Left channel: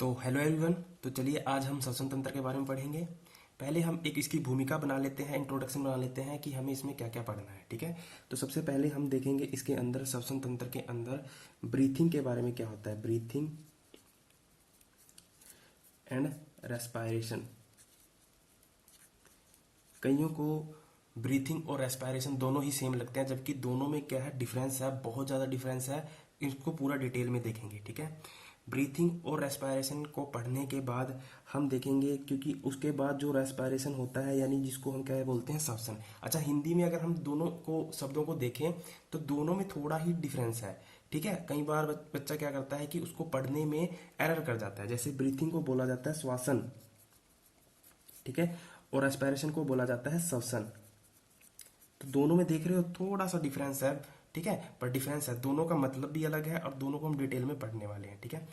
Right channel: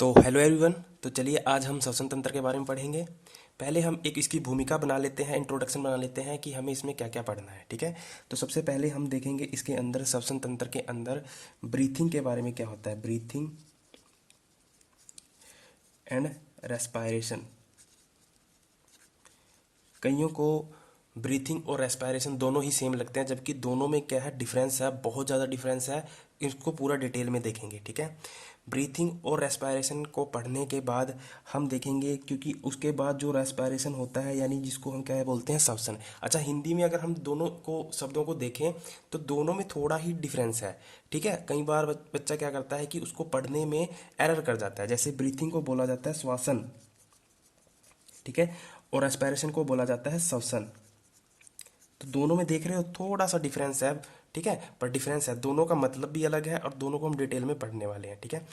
तो hello everyone. तो चलिए आज हम श्वसन तंत्र के बारे में पढ़ेंगे। पहले हम एक इसकी भूमिका बना लेते हैं, इंट्रोडक्शन बना लेते हैं कि हमें इसमें क्या क्या पढ़ना है। ठीक है। तो सबसे पहले हम देखेंगे इसके अंदर श्वसन तंत्र के अंदर ब्रीथिंग के बारे में क्या होता है। Breathing and respiration. कईयों को ब्रीथिंग और रेस्पायरेशन दोनों ही सेम लगते हैं, जबकि दोनों में क्या है, डिफरेंस है, बहुत ज़्यादा डिफरेंस है। इसको पूरा डिटेल में देखेंगे। ठीक है। ब्रीथिंग और रेस्पायरेशन को पढ़ने के बाद हम देखेंगे, क्योंकि उसके बाद जो रेस्पायरेशन होता है यानी जिसको हम क्या बोलते हैं, श्वसन। अच्छा, हिंदी में अगर हम दोनों को शब्दों को देखें तो दोनों में थोड़ा ही डिफरेंस है। ठीक है। कई बार बच्चा क्या करता है कि उसको पढ़ने में एरर कर जाता है। जैसे ब्रीथिंग को बोला जाता है श्वासन, ठीक है, और रेस्पायरेशन को बोला जाता है श्वसन। तो दोनों में देख रहे हो थोड़ा सा डिफरेंस है। ठीक है, पर डिफरेंस है, दोनों का मतलब भी अलग है और दोनों को हम डिटेल में पढ़ने वाले हैं। ठीक है।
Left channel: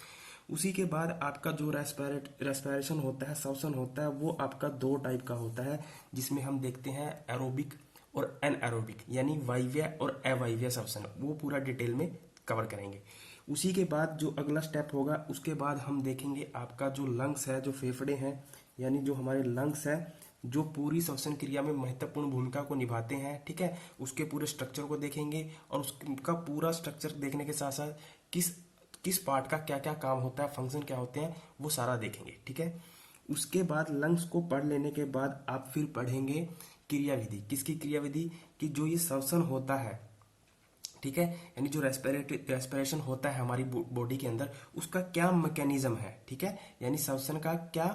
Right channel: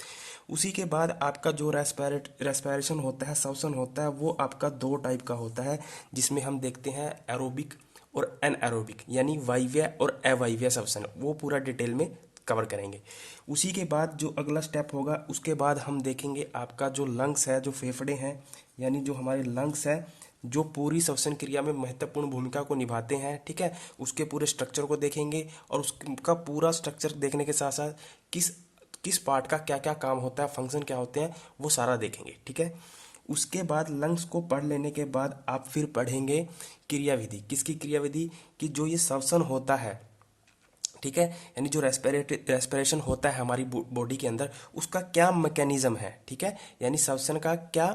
उसी के बाद आपका जो रेस्पायरेशन होता है, श्वसन होता है, वो आपका दो टाइप का होता है, जिसमें हम देखते हैं एरोबिक और एनएरोबिक, यानी वायव्य और अवायव्य श्वसन। वो पूरा डिटेल में कवर करेंगे। उसी के बाद जो अगला स्टेप होगा, उसके बाद हम देखेंगे आपका जो लंग्स है, जो फेफड़े हैं, यानी जो हमारे लंग्स हैं, जो पूरी श्वसन क्रिया में महत्वपूर्ण भूमिका को निभाते हैं। ठीक है। उसके पूरे स्ट्रक्चर को देखेंगे और उसका पूरा स्ट्रक्चर देखने के साथ साथ किस किस पार्ट का क्या क्या काम होता है, फंक्शन क्या होते हैं, वो सारा देखेंगे। ठीक है। उसके बाद लंग्स को पढ़ लेने के बाद आप फिर पढ़ेंगे क्रियाविधि। किसकी क्रियाविधि? कि जो ये श्वसन होता है, ठीक है, यानी जो रेस्पिरेशन होता है हमारी बॉडी के अंदर, उसका क्या मैकेनिज्म है। ठीक है, यानी श्वसन का क्या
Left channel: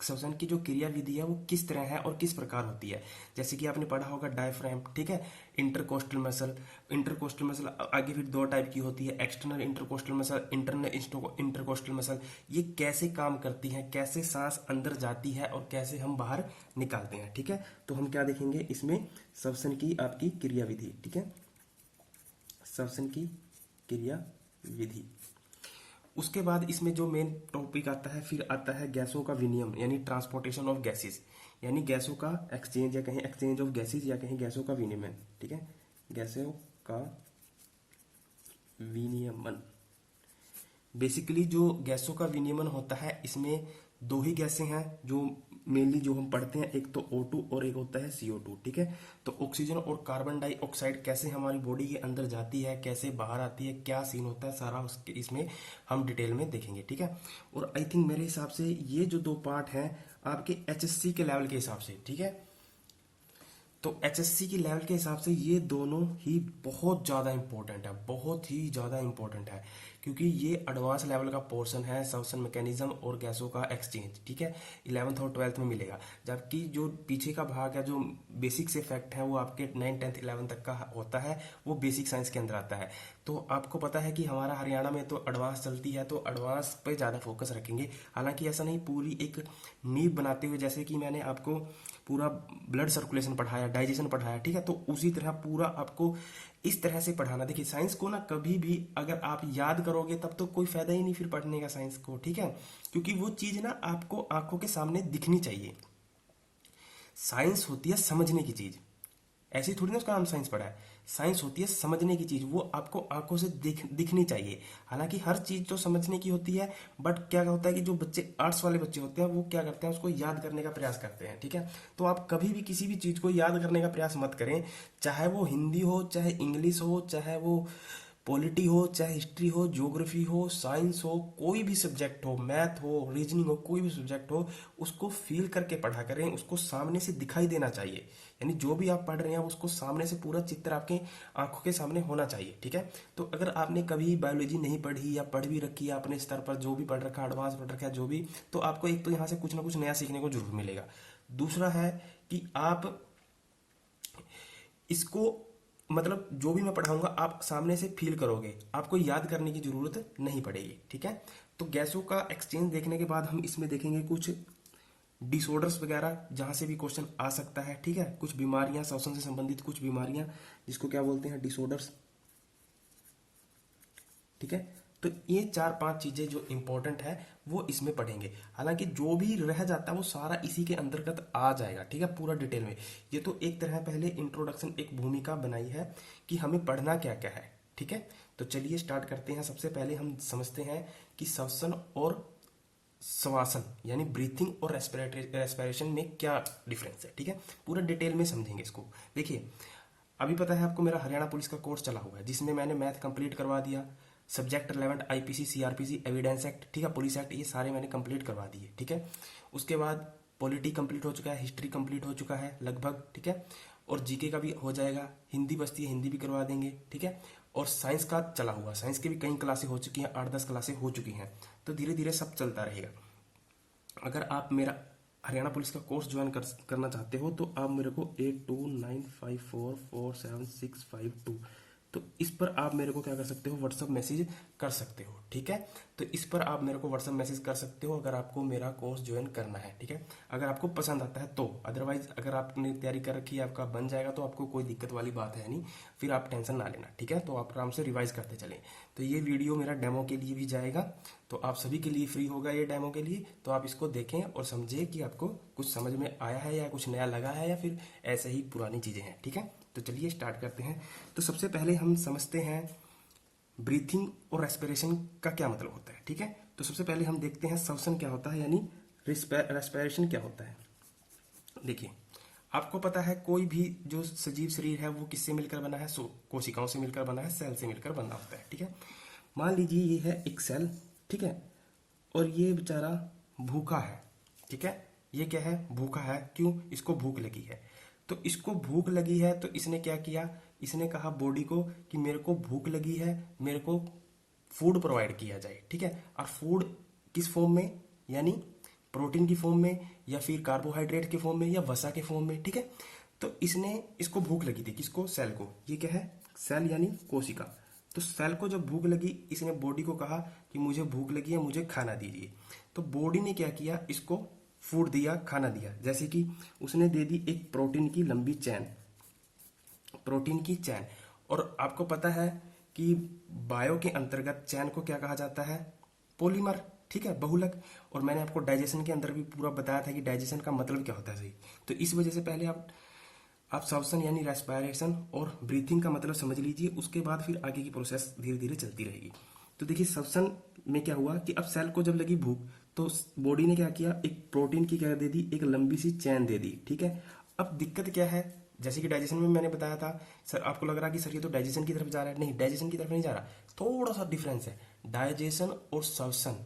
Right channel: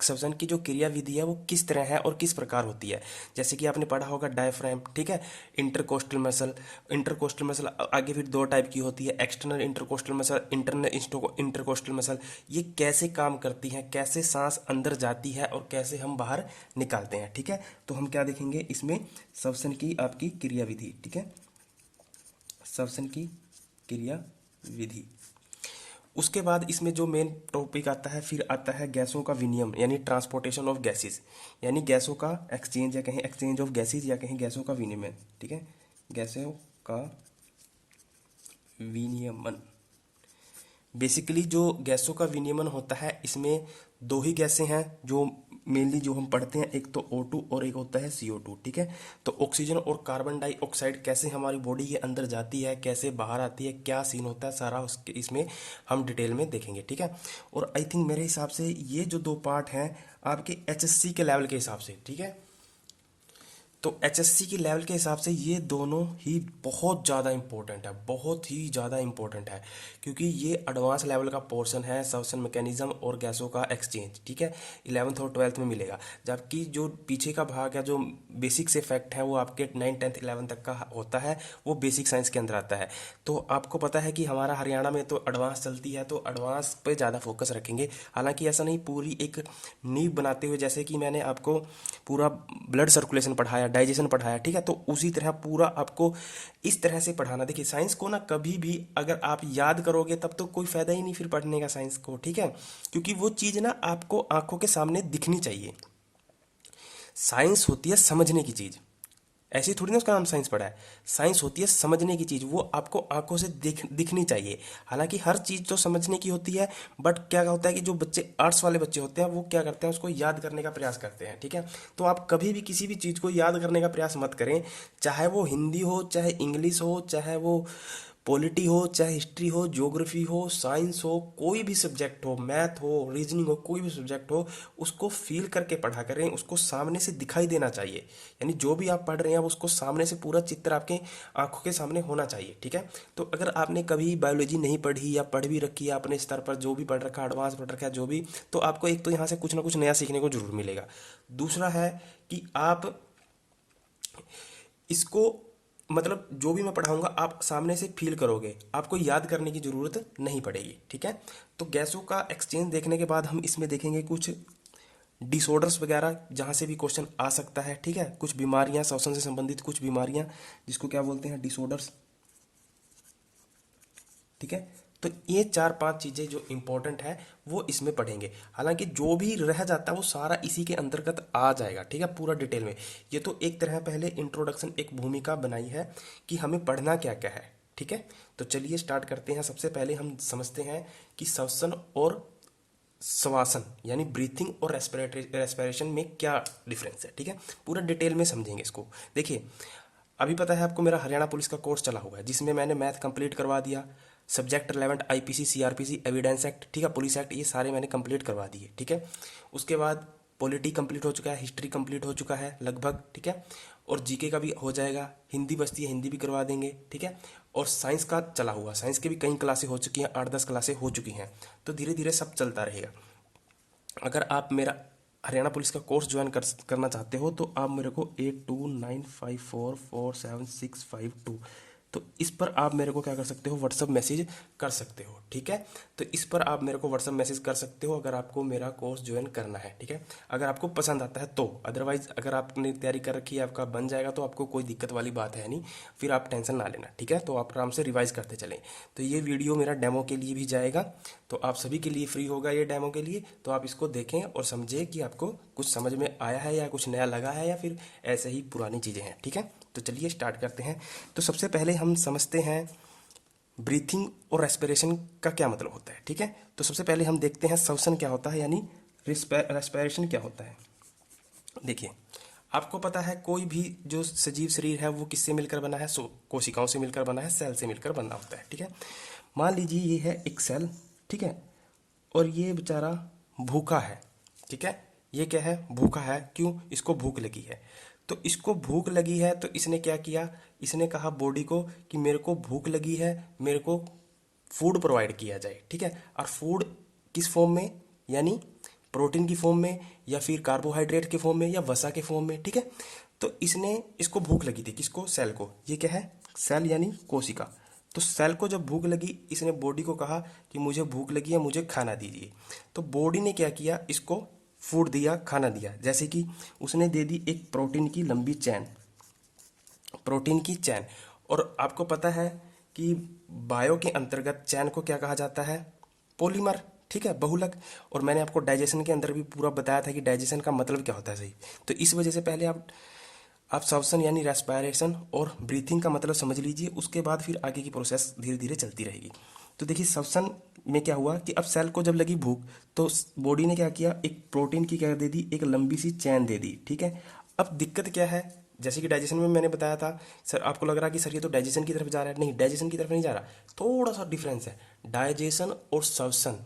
श्वसन की जो क्रिया विधि है वो किस तरह है और किस प्रकार होती है। जैसे कि आपने पढ़ा होगा डायफ्राम, ठीक है, इंटरकोस्टल मसल। इंटरकोस्टल मसल आगे फिर दो टाइप की होती है, external intercostal muscle, internal intercostal muscle. ये कैसे काम करती हैं, कैसे सांस अंदर जाती है और कैसे हम बाहर निकालते हैं। ठीक है। तो हम क्या देखेंगे इसमें, श्वसन की आपकी क्रिया विधि। ठीक है, श्वसन की क्रिया विधि। उसके बाद इसमें जो मेन टॉपिक आता है, फिर आता है गैसों का विनिमय, यानी ट्रांसपोर्टेशन ऑफ गैसेस, यानी गैसों का एक्सचेंज, या कहीं एक्सचेंज ऑफ गैसेस, या कहीं गैसों का विनिमय। ठीक है, गैसों का विनियमन। बेसिकली जो गैसों का विनियमन होता है, इसमें दो ही गैसें हैं जो मेनली जो हम पढ़ते हैं, एक तो O2 और एक होता है CO2। ठीक है। तो ऑक्सीजन और कार्बन डाइऑक्साइड कैसे हमारी बॉडी के अंदर जाती है, कैसे बाहर आती है, क्या सीन होता है, सारा उसके इसमें हम डिटेल में देखेंगे। ठीक है। और आई थिंक मेरे हिसाब से ये जो दो पार्ट हैं आपके HSC के लेवल के हिसाब से, ठीक है, तो HSC की लेवल के हिसाब से ये दोनों ही बहुत ज़्यादा इंपॉर्टेंट है, बहुत ही ज़्यादा इंपॉर्टेंट है, क्योंकि ये एडवांस लेवल का पोर्शन है, श्वसन मैकेनिज्म और गैसों का एक्सचेंज। ठीक है, 11th और 12th में मिलेगा। जबकि जो पीछे का भाग है, जो बेसिक से फैक्ट है, वो आपके 9th 10th 11th तक का होता है, वो बेसिक साइंस के अंदर आता है। तो आपको पता है कि हमारा हरियाणा में तो एडवांस चलती है, तो एडवांस पे ज़्यादा फोकस रखेंगे। हालांकि ऐसा नहीं, पूरी एक नींव बनाते हुए, जैसे कि मैंने आपको पूरा ब्लड सर्कुलेशन पढ़ाया, डाइजेशन पढ़ाया, ठीक है, तो उसी तरह पूरा आपको इस तरह से पढ़ाना। देखिए साइंस को ना कभी भी अगर आप याद करोगे तब तो कोई फायदा ही नहीं फिर पढ़ने का साइंस को। ठीक है, क्योंकि वो चीज़ ना आपको आंखों के सामने दिखनी चाहिए। साइंस होती है समझने की चीज़, ऐसी थोड़ी ना उसका नाम साइंस पढ़ा है। साइंस होती है समझने की चीज़, वो आपको आंखों से दिखनी चाहिए। हालांकि हर चीज़ तो समझने की होती है, बट क्या होता है कि जो बच्चे आर्ट्स वाले बच्चे होते हैं वो क्या करते हैं, उसको याद करने का प्रयास करते हैं। ठीक है, तो आप कभी भी किसी भी चीज़ को याद करने का प्रयास मत करें, चाहे वो हिंदी हो, चाहे इंग्लिश हो, चाहे वो पॉलिटी हो, चाहे हिस्ट्री हो, ज्योग्राफी हो, साइंस हो, कोई भी सब्जेक्ट हो, मैथ हो, रीजनिंग हो, कोई भी सब्जेक्ट हो, उसको फील करके पढ़ा करें, उसको सामने से दिखाई देना चाहिए। यानी जो भी आप पढ़ रहे हैं उसको सामने से पूरा चित्र आपके आंखों के सामने होना चाहिए। ठीक है। तो अगर आपने कभी बायोलॉजी नहीं पढ़ी या पढ़ भी रखी है अपने स्तर पर, जो भी पढ़ रखा है, एडवांस पढ़ रखा है जो भी, तो आपको एक तो यहाँ से कुछ ना कुछ नया सीखने को जरूर मिलेगा। दूसरा है कि आप इसको, मतलब जो भी मैं पढ़ाऊंगा आप सामने से फील करोगे, आपको याद करने की जरूरत नहीं पड़ेगी। ठीक है। तो गैसों का एक्सचेंज देखने के बाद हम इसमें देखेंगे कुछ डिसऑर्डर्स वगैरह, जहाँ से भी क्वेश्चन आ सकता है। ठीक है, कुछ बीमारियां, श्वसन से संबंधित कुछ बीमारियां, जिसको क्या बोलते हैं, डिसऑर्डर्स। ठीक है, तो ये चार पांच चीजें जो इंपॉर्टेंट है वो इसमें पढ़ेंगे। हालांकि जो भी रह जाता है वो सारा इसी के अंतर्गत आ जाएगा। ठीक है, पूरा डिटेल में। ये तो एक तरह पहले इंट्रोडक्शन, एक भूमिका बनाई है कि हमें पढ़ना क्या क्या है। ठीक है, तो चलिए स्टार्ट करते हैं। सबसे पहले हम समझते हैं कि श्वसन और श्वासन यानी ब्रीथिंग और रेस्पिरेशन में क्या डिफरेंस है, ठीक है, पूरा डिटेल में समझेंगे इसको। देखिए, अभी पता है आपको मेरा हरियाणा पुलिस का कोर्स चला हुआ है जिसमें मैंने मैथ कंप्लीट करवा दिया, subject relevant IPC, CrPC, evidence act, ठीक है, पुलिस एक्ट, ये सारे मैंने कंप्लीट करवा दिए, ठीक है। उसके बाद पॉलिटी कंप्लीट हो चुका है, हिस्ट्री कंप्लीट हो चुका है लगभग, ठीक है, और जीके का भी हो जाएगा, हिंदी बचती है, हिंदी भी करवा देंगे, ठीक है। और साइंस का चला हुआ, साइंस की भी कई क्लासें हो चुकी हैं, 8-10 क्लासें हो चुकी हैं, तो धीरे धीरे सब चलता रहेगा। अगर आप मेरा हरियाणा पुलिस का कोर्स ज्वाइन करना चाहते हो तो आप मेरे को 8295447652, तो इस पर आप मेरे को क्या कर सकते हो, व्हाट्सअप मैसेज कर सकते हो, ठीक है। तो इस पर आप मेरे को व्हाट्सअप मैसेज कर सकते हो अगर आपको मेरा कोर्स ज्वाइन करना है, ठीक है, अगर आपको पसंद आता है तो। अदरवाइज अगर आपने तैयारी कर रखी है, आपका बन जाएगा, तो आपको कोई दिक्कत वाली बात है नहीं, फिर आप टेंशन ना लेना, ठीक है। तो आप आराम से रिवाइज करते चलें। तो ये वीडियो मेरा डेमो के लिए भी जाएगा, तो आप सभी के लिए फ्री होगा ये डेमो के लिए, तो आप इसको देखें और समझें कि आपको कुछ समझ में आया है या कुछ नया लगा है या फिर ऐसे ही पुरानी चीज़ें हैं, ठीक है। तो चलिए स्टार्ट करते हैं। तो सबसे पहले हम समझते हैं ब्रीथिंग और रेस्पिरेशन का क्या मतलब होता है, ठीक है। तो सबसे पहले हम देखते हैं श्वसन क्या होता है, यानी रेस्पिरेशन क्या होता है। देखिए, आपको पता है कोई भी जो सजीव शरीर है वो किससे मिलकर बना है, कोशिकाओं से मिलकर बना है, सेल से मिलकर बना होता है, ठीक है। मान लीजिए ये है एक सेल, ठीक है, और ये बेचारा भूखा है, ठीक है। ये क्या है, भूखा है, क्यों, इसको भूख लगी है। तो इसको भूख लगी है तो इसने क्या किया, इसने कहा बॉडी को कि मेरे को भूख लगी है, मेरे को फूड प्रोवाइड किया जाए, ठीक है। और फूड किस फॉर्म में, यानी प्रोटीन की फॉर्म में या फिर कार्बोहाइड्रेट के फॉर्म में या वसा के फॉर्म में, ठीक है। तो इसने, इसको भूख लगी थी, किसको, सेल को, ये क्या है, सेल यानी कोशिका। तो सेल को जब भूख लगी, इसने बॉडी को कहा कि मुझे भूख लगी है, मुझे खाना दीजिए। तो बॉडी ने क्या किया, इसको फूड दिया, खाना दिया, जैसे कि उसने दे दी एक प्रोटीन की लंबी चैन, प्रोटीन की चैन। और आपको पता है कि बायो के अंतर्गत चैन को क्या कहा जाता है, पॉलीमर, ठीक है, बहुलक। और मैंने आपको डाइजेशन के अंदर भी पूरा बताया था कि डाइजेशन का मतलब क्या होता है, सही। तो इस वजह से पहले आप श्वसन यानी रेस्पिरेशन और ब्रीथिंग का मतलब समझ लीजिए, उसके बाद फिर आगे की प्रोसेस धीरे धीरे चलती रहेगी। तो देखिए, श्वसन में क्या हुआ कि अब सेल को जब लगी भूख तो बॉडी ने क्या किया, एक प्रोटीन की क्या दे दी, एक लंबी सी चैन दे दी, ठीक है। अब दिक्कत क्या है, जैसे कि डाइजेशन में मैंने बताया था, सर आपको लग रहा कि सर ये तो डाइजेशन की तरफ जा रहा है, नहीं, डाइजेशन की तरफ नहीं जा रहा, थोड़ा सा डिफरेंस है। डाइजेशन और श्वसन,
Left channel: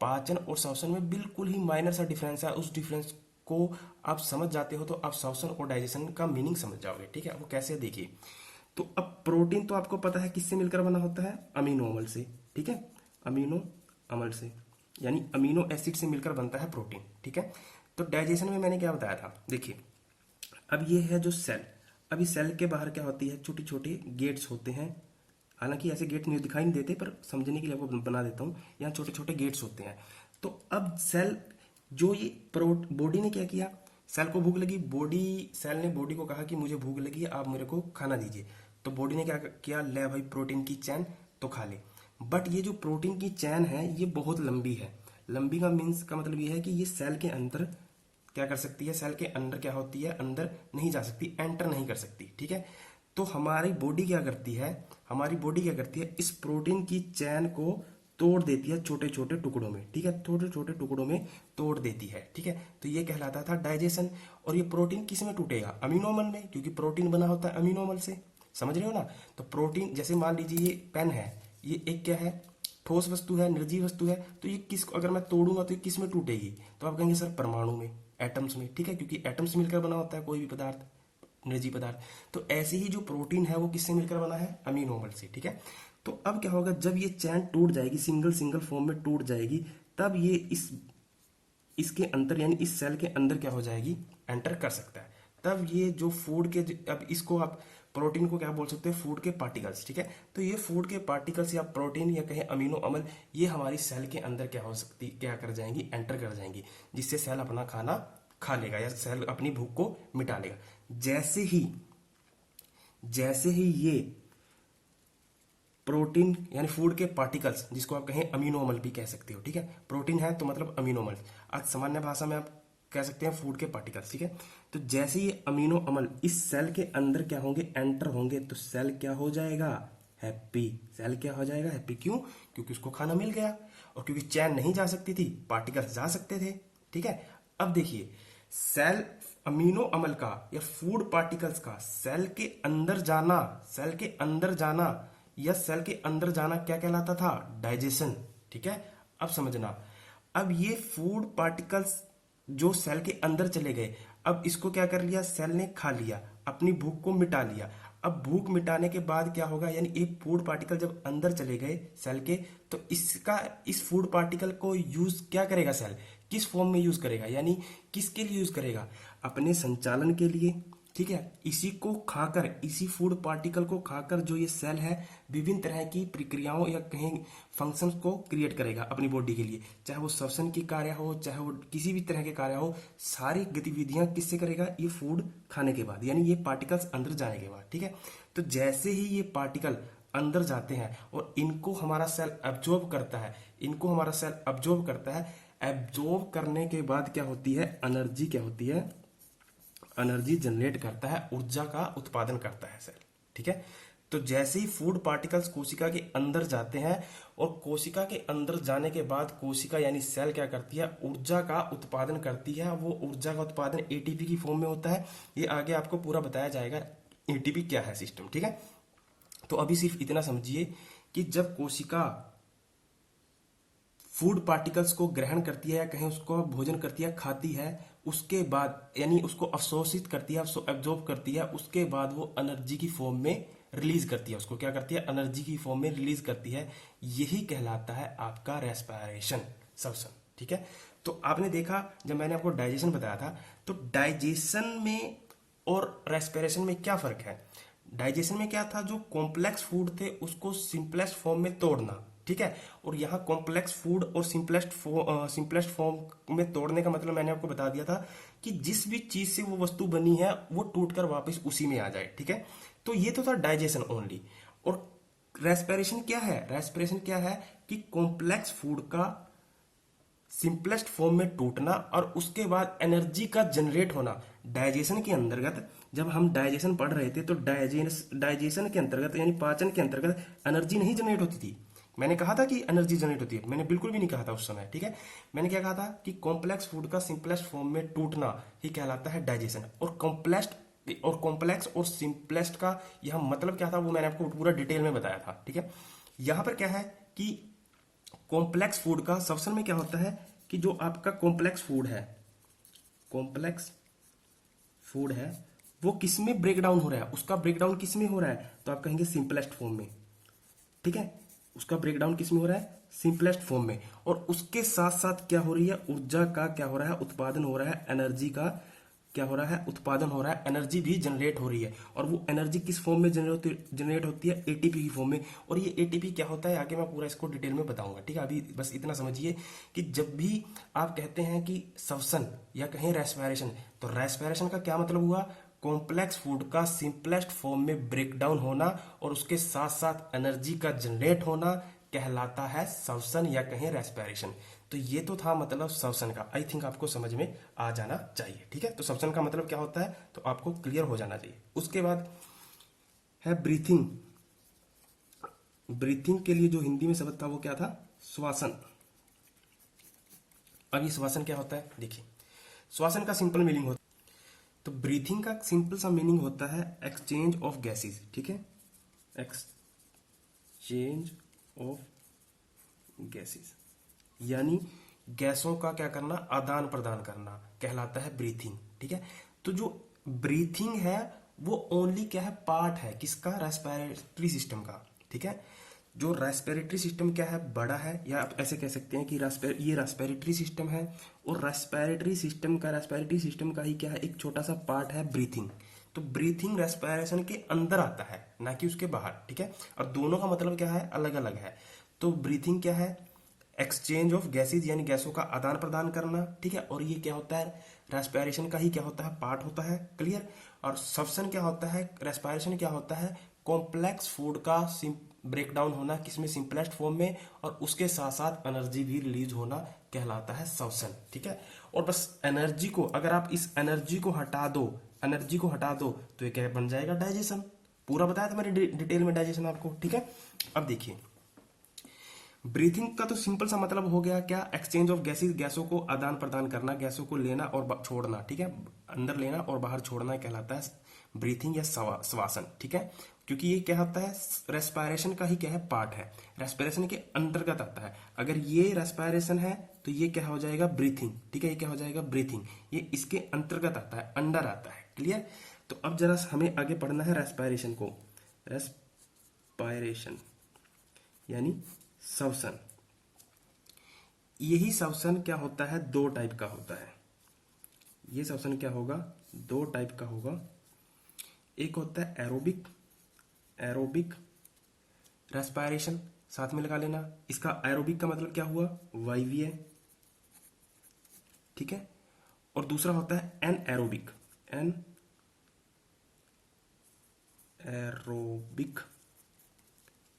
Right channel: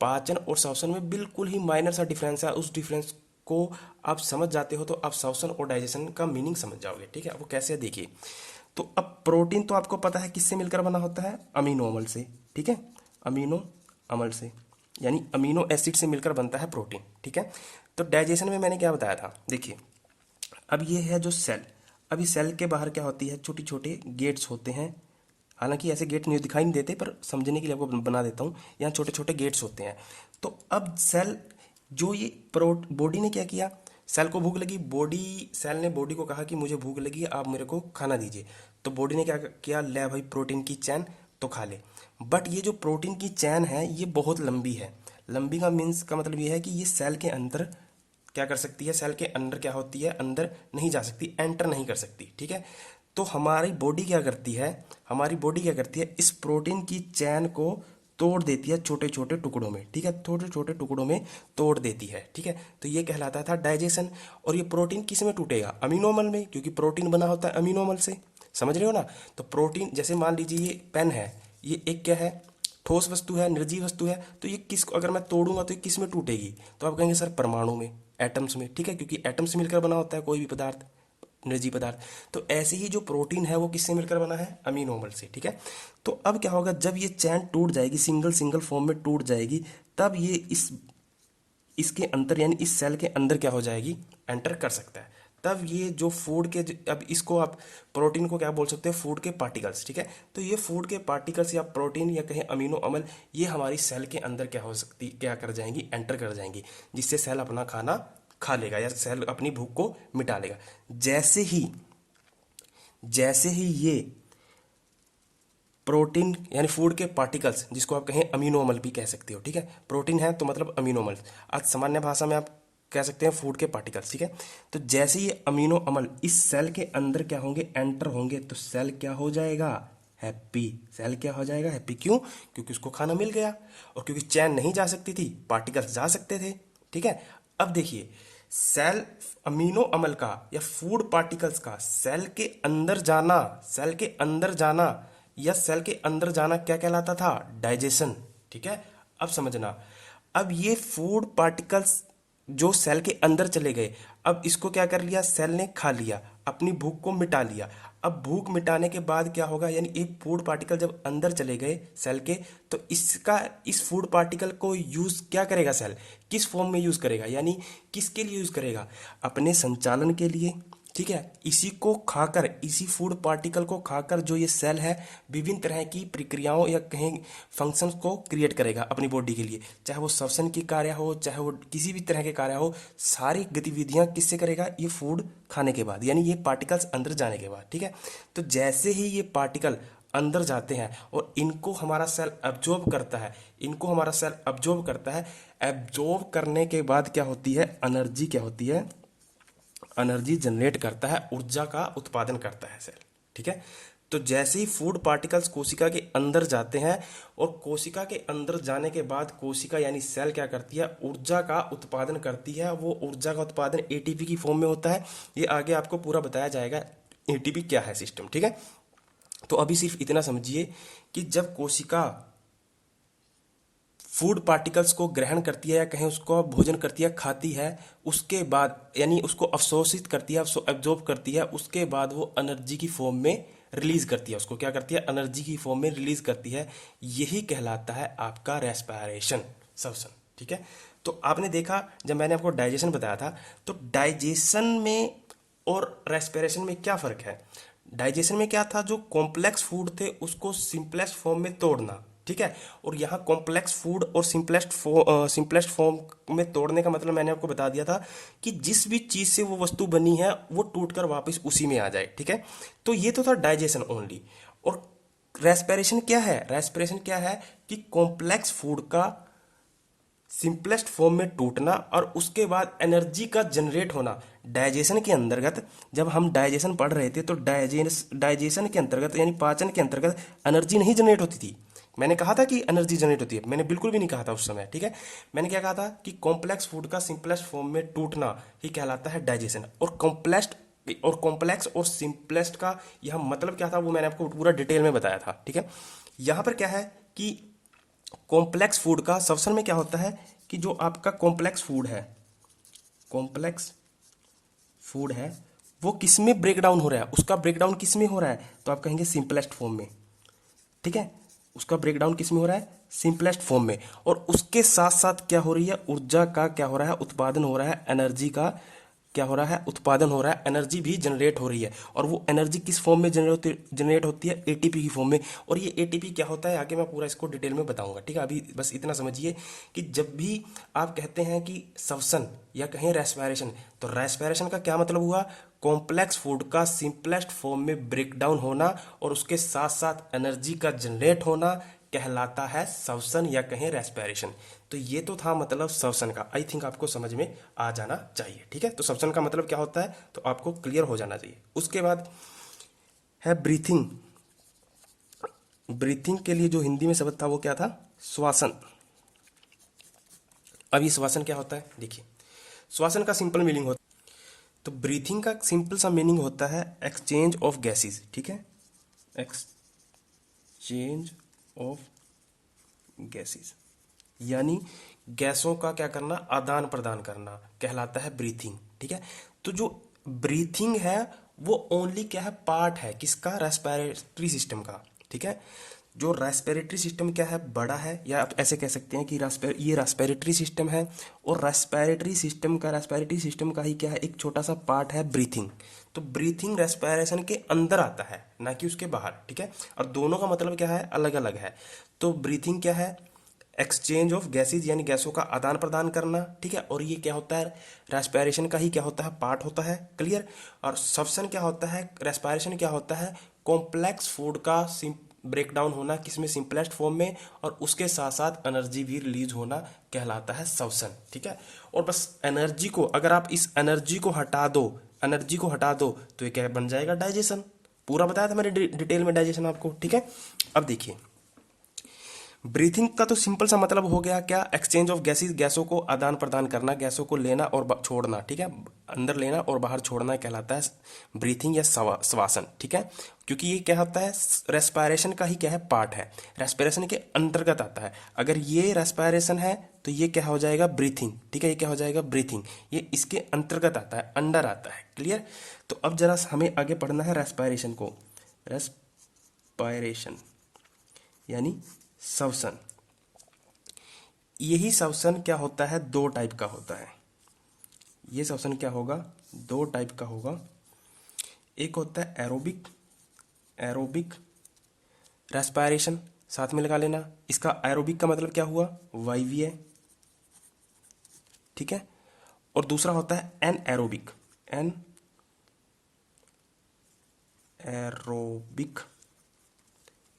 पाचन और श्वसन में बिल्कुल ही माइनर सा डिफरेंस है। उस डिफरेंस को आप समझ जाते हो तो आप श्वसन और डाइजेशन का मीनिंग समझ जाओगे, ठीक है। वो कैसे, देखिए, तो अब प्रोटीन तो आपको पता है किससे मिलकर बना होता है, अमीनो अम्ल से, ठीक है, अमीनो अम्ल से, यानी अमीनो एसिड से मिलकर बनता है प्रोटीन, ठीक है। तो डाइजेशन में मैंने क्या बताया था, देखिए, अब ये है जो सेल, अभी सेल के बाहर क्या होती है, छोटे छोटे गेट्स होते हैं, हालांकि ऐसे गेट नहीं दिखाई नहीं देते, पर समझने के लिए आपको बना देता हूँ, यहाँ छोटे छोटे गेट्स होते हैं। तो अब सेल, जो ये बॉडी ने क्या किया, सेल को भूख लगी, सेल ने बॉडी को कहा कि मुझे भूख लगी है, आप मेरे को खाना दीजिए। तो बॉडी ने क्या किया, ले भाई प्रोटीन की चैन, तो खा ले। बट ये जो प्रोटीन की चैन है ये बहुत लंबी है। लंबी का मीन्स का मतलब ये है कि ये सेल के अंदर क्या कर सकती है, सेल के अंदर क्या होती है, अंदर नहीं जा सकती, एंटर नहीं कर सकती, ठीक है। तो हमारी बॉडी क्या करती है, हमारी बॉडी क्या करती है, इस प्रोटीन की चैन को तोड़ देती है छोटे छोटे टुकड़ों में, ठीक है, छोटे छोटे टुकड़ों में तोड़ देती है, ठीक है। तो ये कहलाता था डाइजेशन। और ये प्रोटीन किस में टूटेगा, अमीनो अम्ल में, क्योंकि प्रोटीन बना होता है अमीनो अम्ल से, समझ रहे हो ना। तो प्रोटीन, जैसे मान लीजिए ये पेन है, ये एक क्या है, ठोस वस्तु है, निर्जीव वस्तु है, तो ये किस, अगर मैं तोड़ूंगा तो ये किस में टूटेगी, तो आप कहेंगे सर परमाणु में, एटम्स में, ठीक है, क्योंकि एटम्स मिलकर बना होता है कोई भी पदार्थ, निर्जीव पदार्थ। तो ऐसे ही जो प्रोटीन है वो किससे मिलकर बना है, अमीनो अम्ल से, ठीक है। तो अब क्या होगा, जब ये चैन टूट जाएगी, सिंगल सिंगल फॉर्म में टूट जाएगी, तब ये इसके अंदर यानी इस सेल के अंदर क्या हो जाएगी, एंटर कर सकता है। तब ये जो फूड के, अब इसको आप प्रोटीन को क्या बोल सकते हैं, फूड के पार्टिकल्स, ठीक है। तो ये फूड के पार्टिकल्स या प्रोटीन या कहें अमीनो अम्ल, ये हमारी सेल के अंदर क्या हो सकती, क्या कर जाएंगी, एंटर कर जाएंगी, जिससे सेल अपना खाना खा लेगा या सेल अपनी भूख को मिटा लेगा। जैसे ही ये प्रोटीन यानी फूड के पार्टिकल्स, जिसको आप कहें अमीनो अम्ल भी कह सकते हो, ठीक है, प्रोटीन है तो मतलब अमीनो अम्ल, आज सामान्य भाषा में आप कह सकते हैं फूड के पार्टिकल्स, ठीक है। तो जैसे ही अमीनो अम्ल इस सेल के अंदर क्या होंगे, एंटर होंगे, तो सेल क्या हो जाएगा, हैप्पी, सेल क्या हो जाएगा, हैप्पी, क्यों, क्योंकि उसको खाना मिल गया। और क्योंकि चैन नहीं जा सकती थी, पार्टिकल्स जा सकते थे, ठीक है। अब देखिए, सेल अमीनो अम्ल का या फूड पार्टिकल्स का सेल के अंदर जाना, सेल के अंदर जाना या सेल के अंदर जाना क्या कहलाता था? डाइजेशन, ठीक है। अब समझना, अब ये फूड पार्टिकल्स जो सेल के अंदर चले गए, अब इसको क्या कर लिया? सेल ने खा लिया, अपनी भूख को मिटा लिया। अब भूख मिटाने के बाद क्या होगा? यानी एक फूड पार्टिकल जब अंदर चले गए सेल के, तो इसका इस फूड पार्टिकल को यूज क्या करेगा सेल? किस फॉर्म में यूज करेगा? यानी किसके लिए यूज करेगा? अपने संचालन के लिए, ठीक है। इसी को खाकर, इसी फूड पार्टिकल को खाकर जो ये सेल है विभिन्न तरह की प्रक्रियाओं या कहीं फंक्शंस को क्रिएट करेगा अपनी बॉडी के लिए, चाहे वो श्वसन की कार्य हो, चाहे वो किसी भी तरह के कार्य हो, सारी गतिविधियां किससे करेगा? ये फूड खाने के बाद, यानी ये पार्टिकल्स अंदर जाने के बाद, ठीक है। तो जैसे ही ये पार्टिकल अंदर जाते हैं और इनको हमारा सेल एब्जॉर्ब करता है, इनको हमारा सेल एब्जॉर्ब करता है, एब्जॉर्ब करने के बाद क्या होती है? एनर्जी क्या होती है? एनर्जी जनरेट करता है, ऊर्जा का उत्पादन करता है सेल, ठीक है। तो जैसे ही फूड पार्टिकल्स कोशिका के अंदर जाते हैं और कोशिका के अंदर जाने के बाद कोशिका यानी सेल क्या करती है? ऊर्जा का उत्पादन करती है। वो ऊर्जा का उत्पादन एटीपी की फॉर्म में होता है। ये आगे आपको पूरा बताया जाएगा एटीपी क्या है सिस्टम, ठीक है। तो अभी सिर्फ इतना समझिए कि जब कोशिका फूड पार्टिकल्स को ग्रहण करती है या कहें उसको भोजन करती है, खाती है, उसके बाद यानी उसको अवशोषित करती है, एब्जॉर्ब करती है, उसके बाद वो एनर्जी की फॉर्म में रिलीज करती है। उसको क्या करती है? एनर्जी की फॉर्म में रिलीज करती है। यही कहलाता है आपका रेस्पिरेशन, श्वसन, ठीक है। तो आपने देखा, जब मैंने आपको डाइजेशन बताया था, तो डाइजेशन में और रेस्पिरेशन में क्या फर्क है? डाइजेशन में क्या था? जो कॉम्प्लेक्स फूड थे उसको सिंपलेस्ट फॉर्म में तोड़ना, ठीक है। और यहाँ कॉम्प्लेक्स फूड और सिंपलेस्ट फॉर्म में तोड़ने का मतलब मैंने आपको बता दिया था कि जिस भी चीज से वो वस्तु बनी है वो टूटकर वापस उसी में आ जाए, ठीक है। तो ये तो था डाइजेशन ओनली। और रेस्पिरेशन क्या है? रेस्पिरेशन क्या है कि कॉम्प्लेक्स फूड का सिंपलेस्ट फॉर्म में टूटना और उसके बाद एनर्जी का जनरेट होना। डाइजेशन के अंतर्गत जब हम डाइजेशन पढ़ रहे थे तो डाइजेशन के अंतर्गत यानी पाचन के अंतर्गत एनर्जी नहीं जनरेट होती थी। मैंने कहा था कि एनर्जी जनरेट होती है? मैंने बिल्कुल भी नहीं कहा था उस समय, ठीक है। मैंने क्या कहा था कि कॉम्प्लेक्स फूड का सिंपलेस्ट फॉर्म में टूटना ही कहलाता है डाइजेशन। और कॉम्प्लेक्स और सिंपलेस्ट का यह मतलब क्या था वो मैंने आपको पूरा डिटेल में बताया था, ठीक है। यहां पर क्या है कि कॉम्प्लेक्स फूड का श्वसन में क्या होता है कि जो आपका कॉम्प्लेक्स फूड है वो किस में ब्रेक डाउन हो रहा है? उसका ब्रेक डाउन किस में हो रहा है? तो आप कहेंगे सिंपलेस्ट फॉर्म में, ठीक है। उसका ब्रेक डाउन किस में हो रहा है? सिंपलेस्ट फॉर्म में। और उसके साथ साथ क्या हो रही है? ऊर्जा का क्या हो रहा है? उत्पादन हो रहा है। एनर्जी का क्या हो रहा है? उत्पादन हो रहा है। एनर्जी भी जनरेट हो रही है। और वो एनर्जी किस फॉर्म में जनरेट होती है? एटीपी की फॉर्म में। और ये एटीपी क्या होता है आगे मैं पूरा इसको डिटेल में बताऊंगा, ठीक है। अभी बस इतना समझिए कि जब भी आप कहते हैं कि श्वसन या कहीं रेस्पिरेशन, तो रेस्पिरेशन का क्या मतलब हुआ? कॉम्प्लेक्स फूड का सिंपलेस्ट फॉर्म में ब्रेक डाउन होना और उसके साथ साथ एनर्जी का जनरेट होना कहलाता है श्वसन या कहें रेस्पिरेशन। तो ये तो था मतलब श्वसन का। आई थिंक आपको समझ में आ जाना चाहिए, ठीक है। तो श्वसन का मतलब क्या होता है तो आपको क्लियर हो जाना चाहिए। उसके बाद है ब्रीथिंग। ब्रीथिंग के लिए जो हिंदी में शब्द था वो क्या था? श्वासन। अब ये श्वासन क्या होता है देखिए, श्वासन का सिंपल मीनिंग होता है, तो ब्रीथिंग का सिंपल सा मीनिंग होता है एक्सचेंज ऑफ गैसेस, ठीक है। एक्सचेंज ऑफ गैसेस यानी गैसों का क्या करना? आदान प्रदान करना कहलाता है ब्रीथिंग, ठीक है। तो जो ब्रीथिंग है वो ओनली क्या है? पार्ट है किसका? रेस्पिरेटरी सिस्टम का, ठीक है। जो रेस्पिरेटरी सिस्टम क्या है? बड़ा है, या आप ऐसे कह सकते हैं कि ये रेस्पिरेटरी सिस्टम है। और रेस्पिरेटरी सिस्टम का ही क्या है? एक छोटा सा पार्ट है ब्रीथिंग। तो ब्रीथिंग रेस्पिरेशन के अंदर आता है ना कि उसके बाहर, ठीक है। और दोनों का मतलब क्या है? अलग अलग है। तो ब्रीथिंग क्या है? एक्सचेंज ऑफ गैसेज यानी गैसों का आदान प्रदान करना, ठीक है। और ये क्या होता है? रेस्पिरेशन का ही क्या होता है? पार्ट होता है, क्लियर। और श्वसन क्या होता है? रेस्पिरेशन क्या होता है? कॉम्प्लेक्स फूड का ब्रेक डाउन होना किसमें? सिंपलेस्ट फॉर्म में। और उसके साथ साथ एनर्जी भी रिलीज होना कहलाता है श्वसन, ठीक है। और बस एनर्जी को, अगर आप इस एनर्जी को हटा दो तो ये क्या बन जाएगा? डाइजेशन। पूरा बताया था मैंने डिटेल में डाइजेशन आपको, ठीक है। अब देखिए ब्रीथिंग का तो सिंपल सा मतलब हो गया क्या, एक्सचेंज ऑफ गैसेस, गैसों को आदान प्रदान करना, गैसों को लेना और छोड़ना, ठीक है, अंदर लेना और बाहर छोड़ना कहलाता है ब्रीथिंग या श्वासन, ठीक है। क्योंकि ये क्या होता है, रेस्पिरेशन का ही क्या है, पार्ट है, रेस्पिरेशन के अंतर्गत आता है। अगर ये रेस्पिरेशन है तो ये क्या हो जाएगा, ब्रीथिंग, ठीक है, ये क्या हो जाएगा, ब्रीथिंग, ये इसके अंतर्गत आता है, अंडर आता है, क्लियर। तो अब जरा हमें आगे पढ़ना है रेस्पिरेशन को, रेस्पिरेशन यानी श्वसन। यही श्वसन क्या होता है, दो टाइप का होता है। ये श्वसन क्या होगा, दो टाइप का होगा। एक होता है एरोबिक, एरोबिक रेस्पिरेशन, साथ में लगा लेना। इसका एरोबिक का मतलब क्या हुआ, वायवीय, ठीक है। और दूसरा होता है एन एरोबिक, एन एरोबिक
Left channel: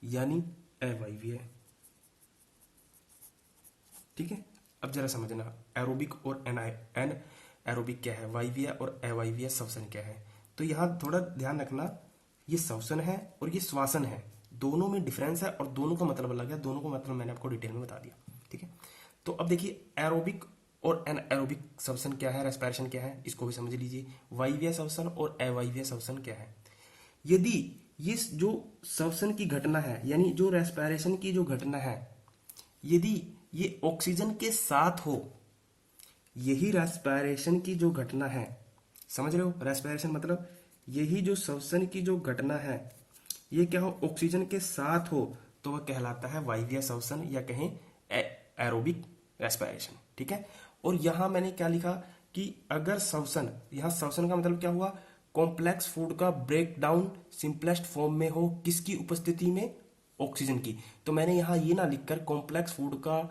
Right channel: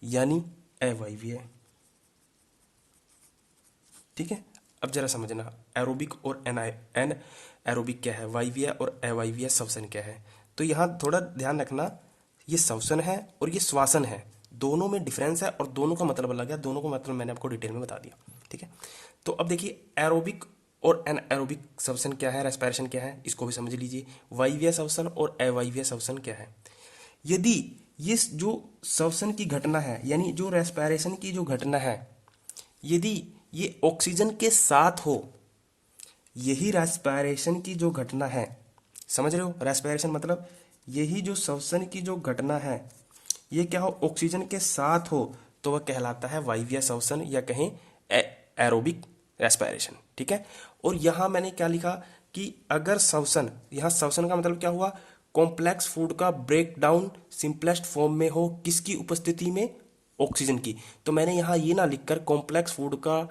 यानी अवायवीय, ठीक है। अब जरा समझना, एरोबिक और एन एरोबिक क्या है, वायवीय और अवायवीय श्वसन क्या है। तो यहाँ थोड़ा ध्यान रखना, ये श्वसन है और ये श्वासन है, दोनों में डिफरेंस है और दोनों का मतलब अलग है, दोनों का मतलब मैंने आपको डिटेल में बता दिया, ठीक है। तो अब देखिए एरोबिक और एन एरोबिक श्वसन क्या है, रेस्पिरेशन क्या है, इसको भी समझ लीजिए। वायवीय श्वसन और अवायवीय श्वसन क्या है। यदि ये जो श्वसन की घटना है, यानी जो रेस्पिरेशन की जो घटना है, यदि ये ऑक्सीजन के साथ हो, यही रेस्पिरेशन की जो घटना है, समझ रहे हो, रेस्पिरेशन मतलब यही जो श्वसन की जो घटना है, ये क्या हो, ऑक्सीजन के साथ हो, तो वह कहलाता है वायवीय श्वसन या कहें एरोबिक रेस्पिरेशन, ठीक है। और यहां मैंने क्या लिखा कि अगर श्वसन, यहां श्वसन का मतलब क्या हुआ, कॉम्प्लेक्स फूड का ब्रेक डाउन सिंपलेस्ट फॉर्म में हो, किसकी उपस्थिति में, ऑक्सीजन की। तो मैंने यहाँ ये ना लिखकर कॉम्प्लेक्स फूड का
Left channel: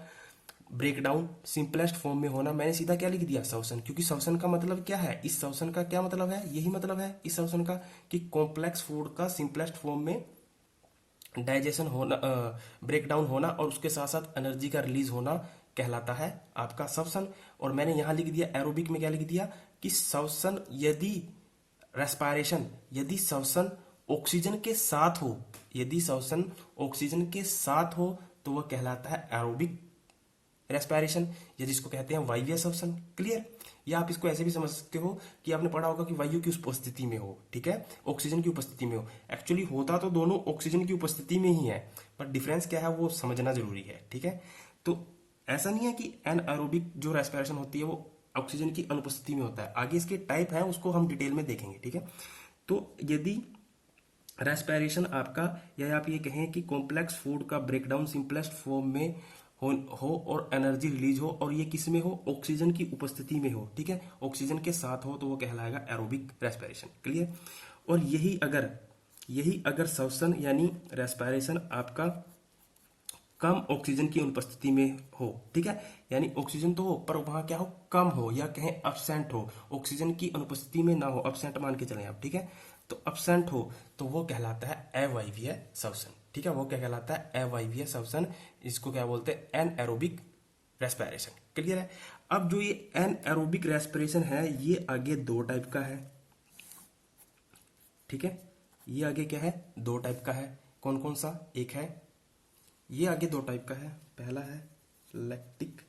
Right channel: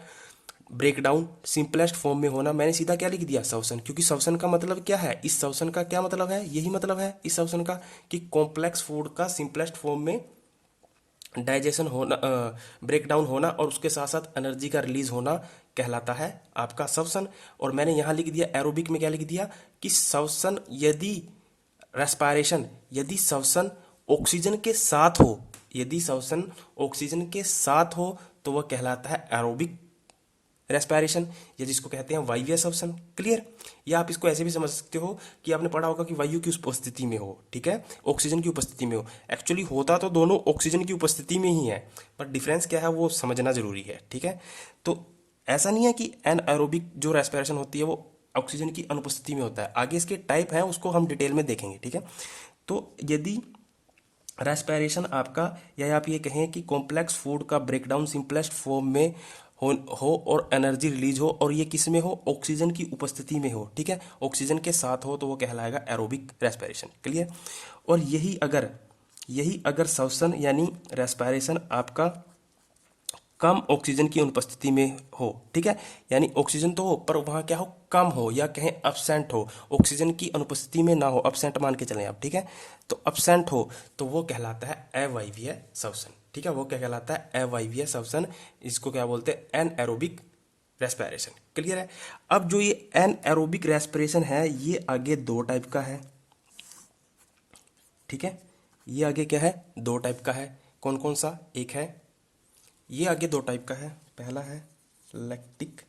ब्रेकडाउन सिंपलेस्ट फॉर्म में होना, मैंने सीधा क्या लिख दिया, श्वसन। क्योंकि श्वसन का मतलब क्या है, इस श्वसन का क्या मतलब है, यही मतलब है इस श्वसन का कि कॉम्प्लेक्स फूड का सिंपलेस्ट फॉर्म में डाइजेशन होना, ब्रेकडाउन होना और उसके साथ साथ एनर्जी का रिलीज होना कहलाता है आपका श्वसन। और मैंने यहाँ लिख दिया एरोबिक में क्या लिख दिया कि श्वसन यदि रेस्पिरेशन, यदि श्वसन ऑक्सीजन के साथ हो, यदि श्वसन ऑक्सीजन के साथ हो तो वह कहलाता है एरोबिक रेस्पिरेशन, या जिसको कहते हैं वायवीय श्वसन, क्लियर। या आप इसको ऐसे भी समझ सकते हो कि आपने पढ़ा होगा कि वायु की उपस्थिति में हो, ठीक है, ऑक्सीजन की उपस्थिति में हो। एक्चुअली होता तो दोनों ऑक्सीजन की उपस्थिति में ही है, पर डिफरेंस क्या है वो समझना जरूरी है, ठीक है। तो ऐसा नहीं है कि एन एरोबिक जो रेस्पिरेशन होती है वो ऑक्सीजन की अनुपस्थिति में होता है, आगे इसके टाइप हैं उसको हम डिटेल में देखेंगे, ठीक है। तो यदि रेस्पिरेशन आपका, या आप ये कहें कि कॉम्प्लेक्स फूड का ब्रेकडाउन सिंपलेस्ट फॉर्म में हो और एनर्जी रिलीज हो, और ये किस में हो, ऑक्सीजन की उपस्थिति में हो, ठीक है, ऑक्सीजन के साथ हो, तो वो कहलाएगा एरोबिक रेस्पिरेशन, क्लियर। और यही अगर श्वसन यानी रेस्पिरेशन आपका कम ऑक्सीजन की अनुपस्थिति में हो, ठीक है, यानी ऑक्सीजन तो हो पर वहाँ क्या हो, कम हो, या कहें एब्सेंट हो, ऑक्सीजन की अनुपस्थिति में ना हो, एब्सेंट मान के चलें आप, ठीक है। तो एब्सेंट हो तो वो कहलाता है अवायवीय श्वसन, ठीक है, वो क्या कहलाता है, अवायवीय श्वसन। इसको क्या बोलते हैं, एन एरोबिक रेस्पिरेशन, क्लियर है। अब जो ये एन एरोबिक रेस्पिरेशन है, ये आगे दो टाइप का है, ठीक है, ये आगे क्या है, दो टाइप का है। कौन कौन सा, एक है ये आगे दो टाइप का है, पहला है लैक्टिक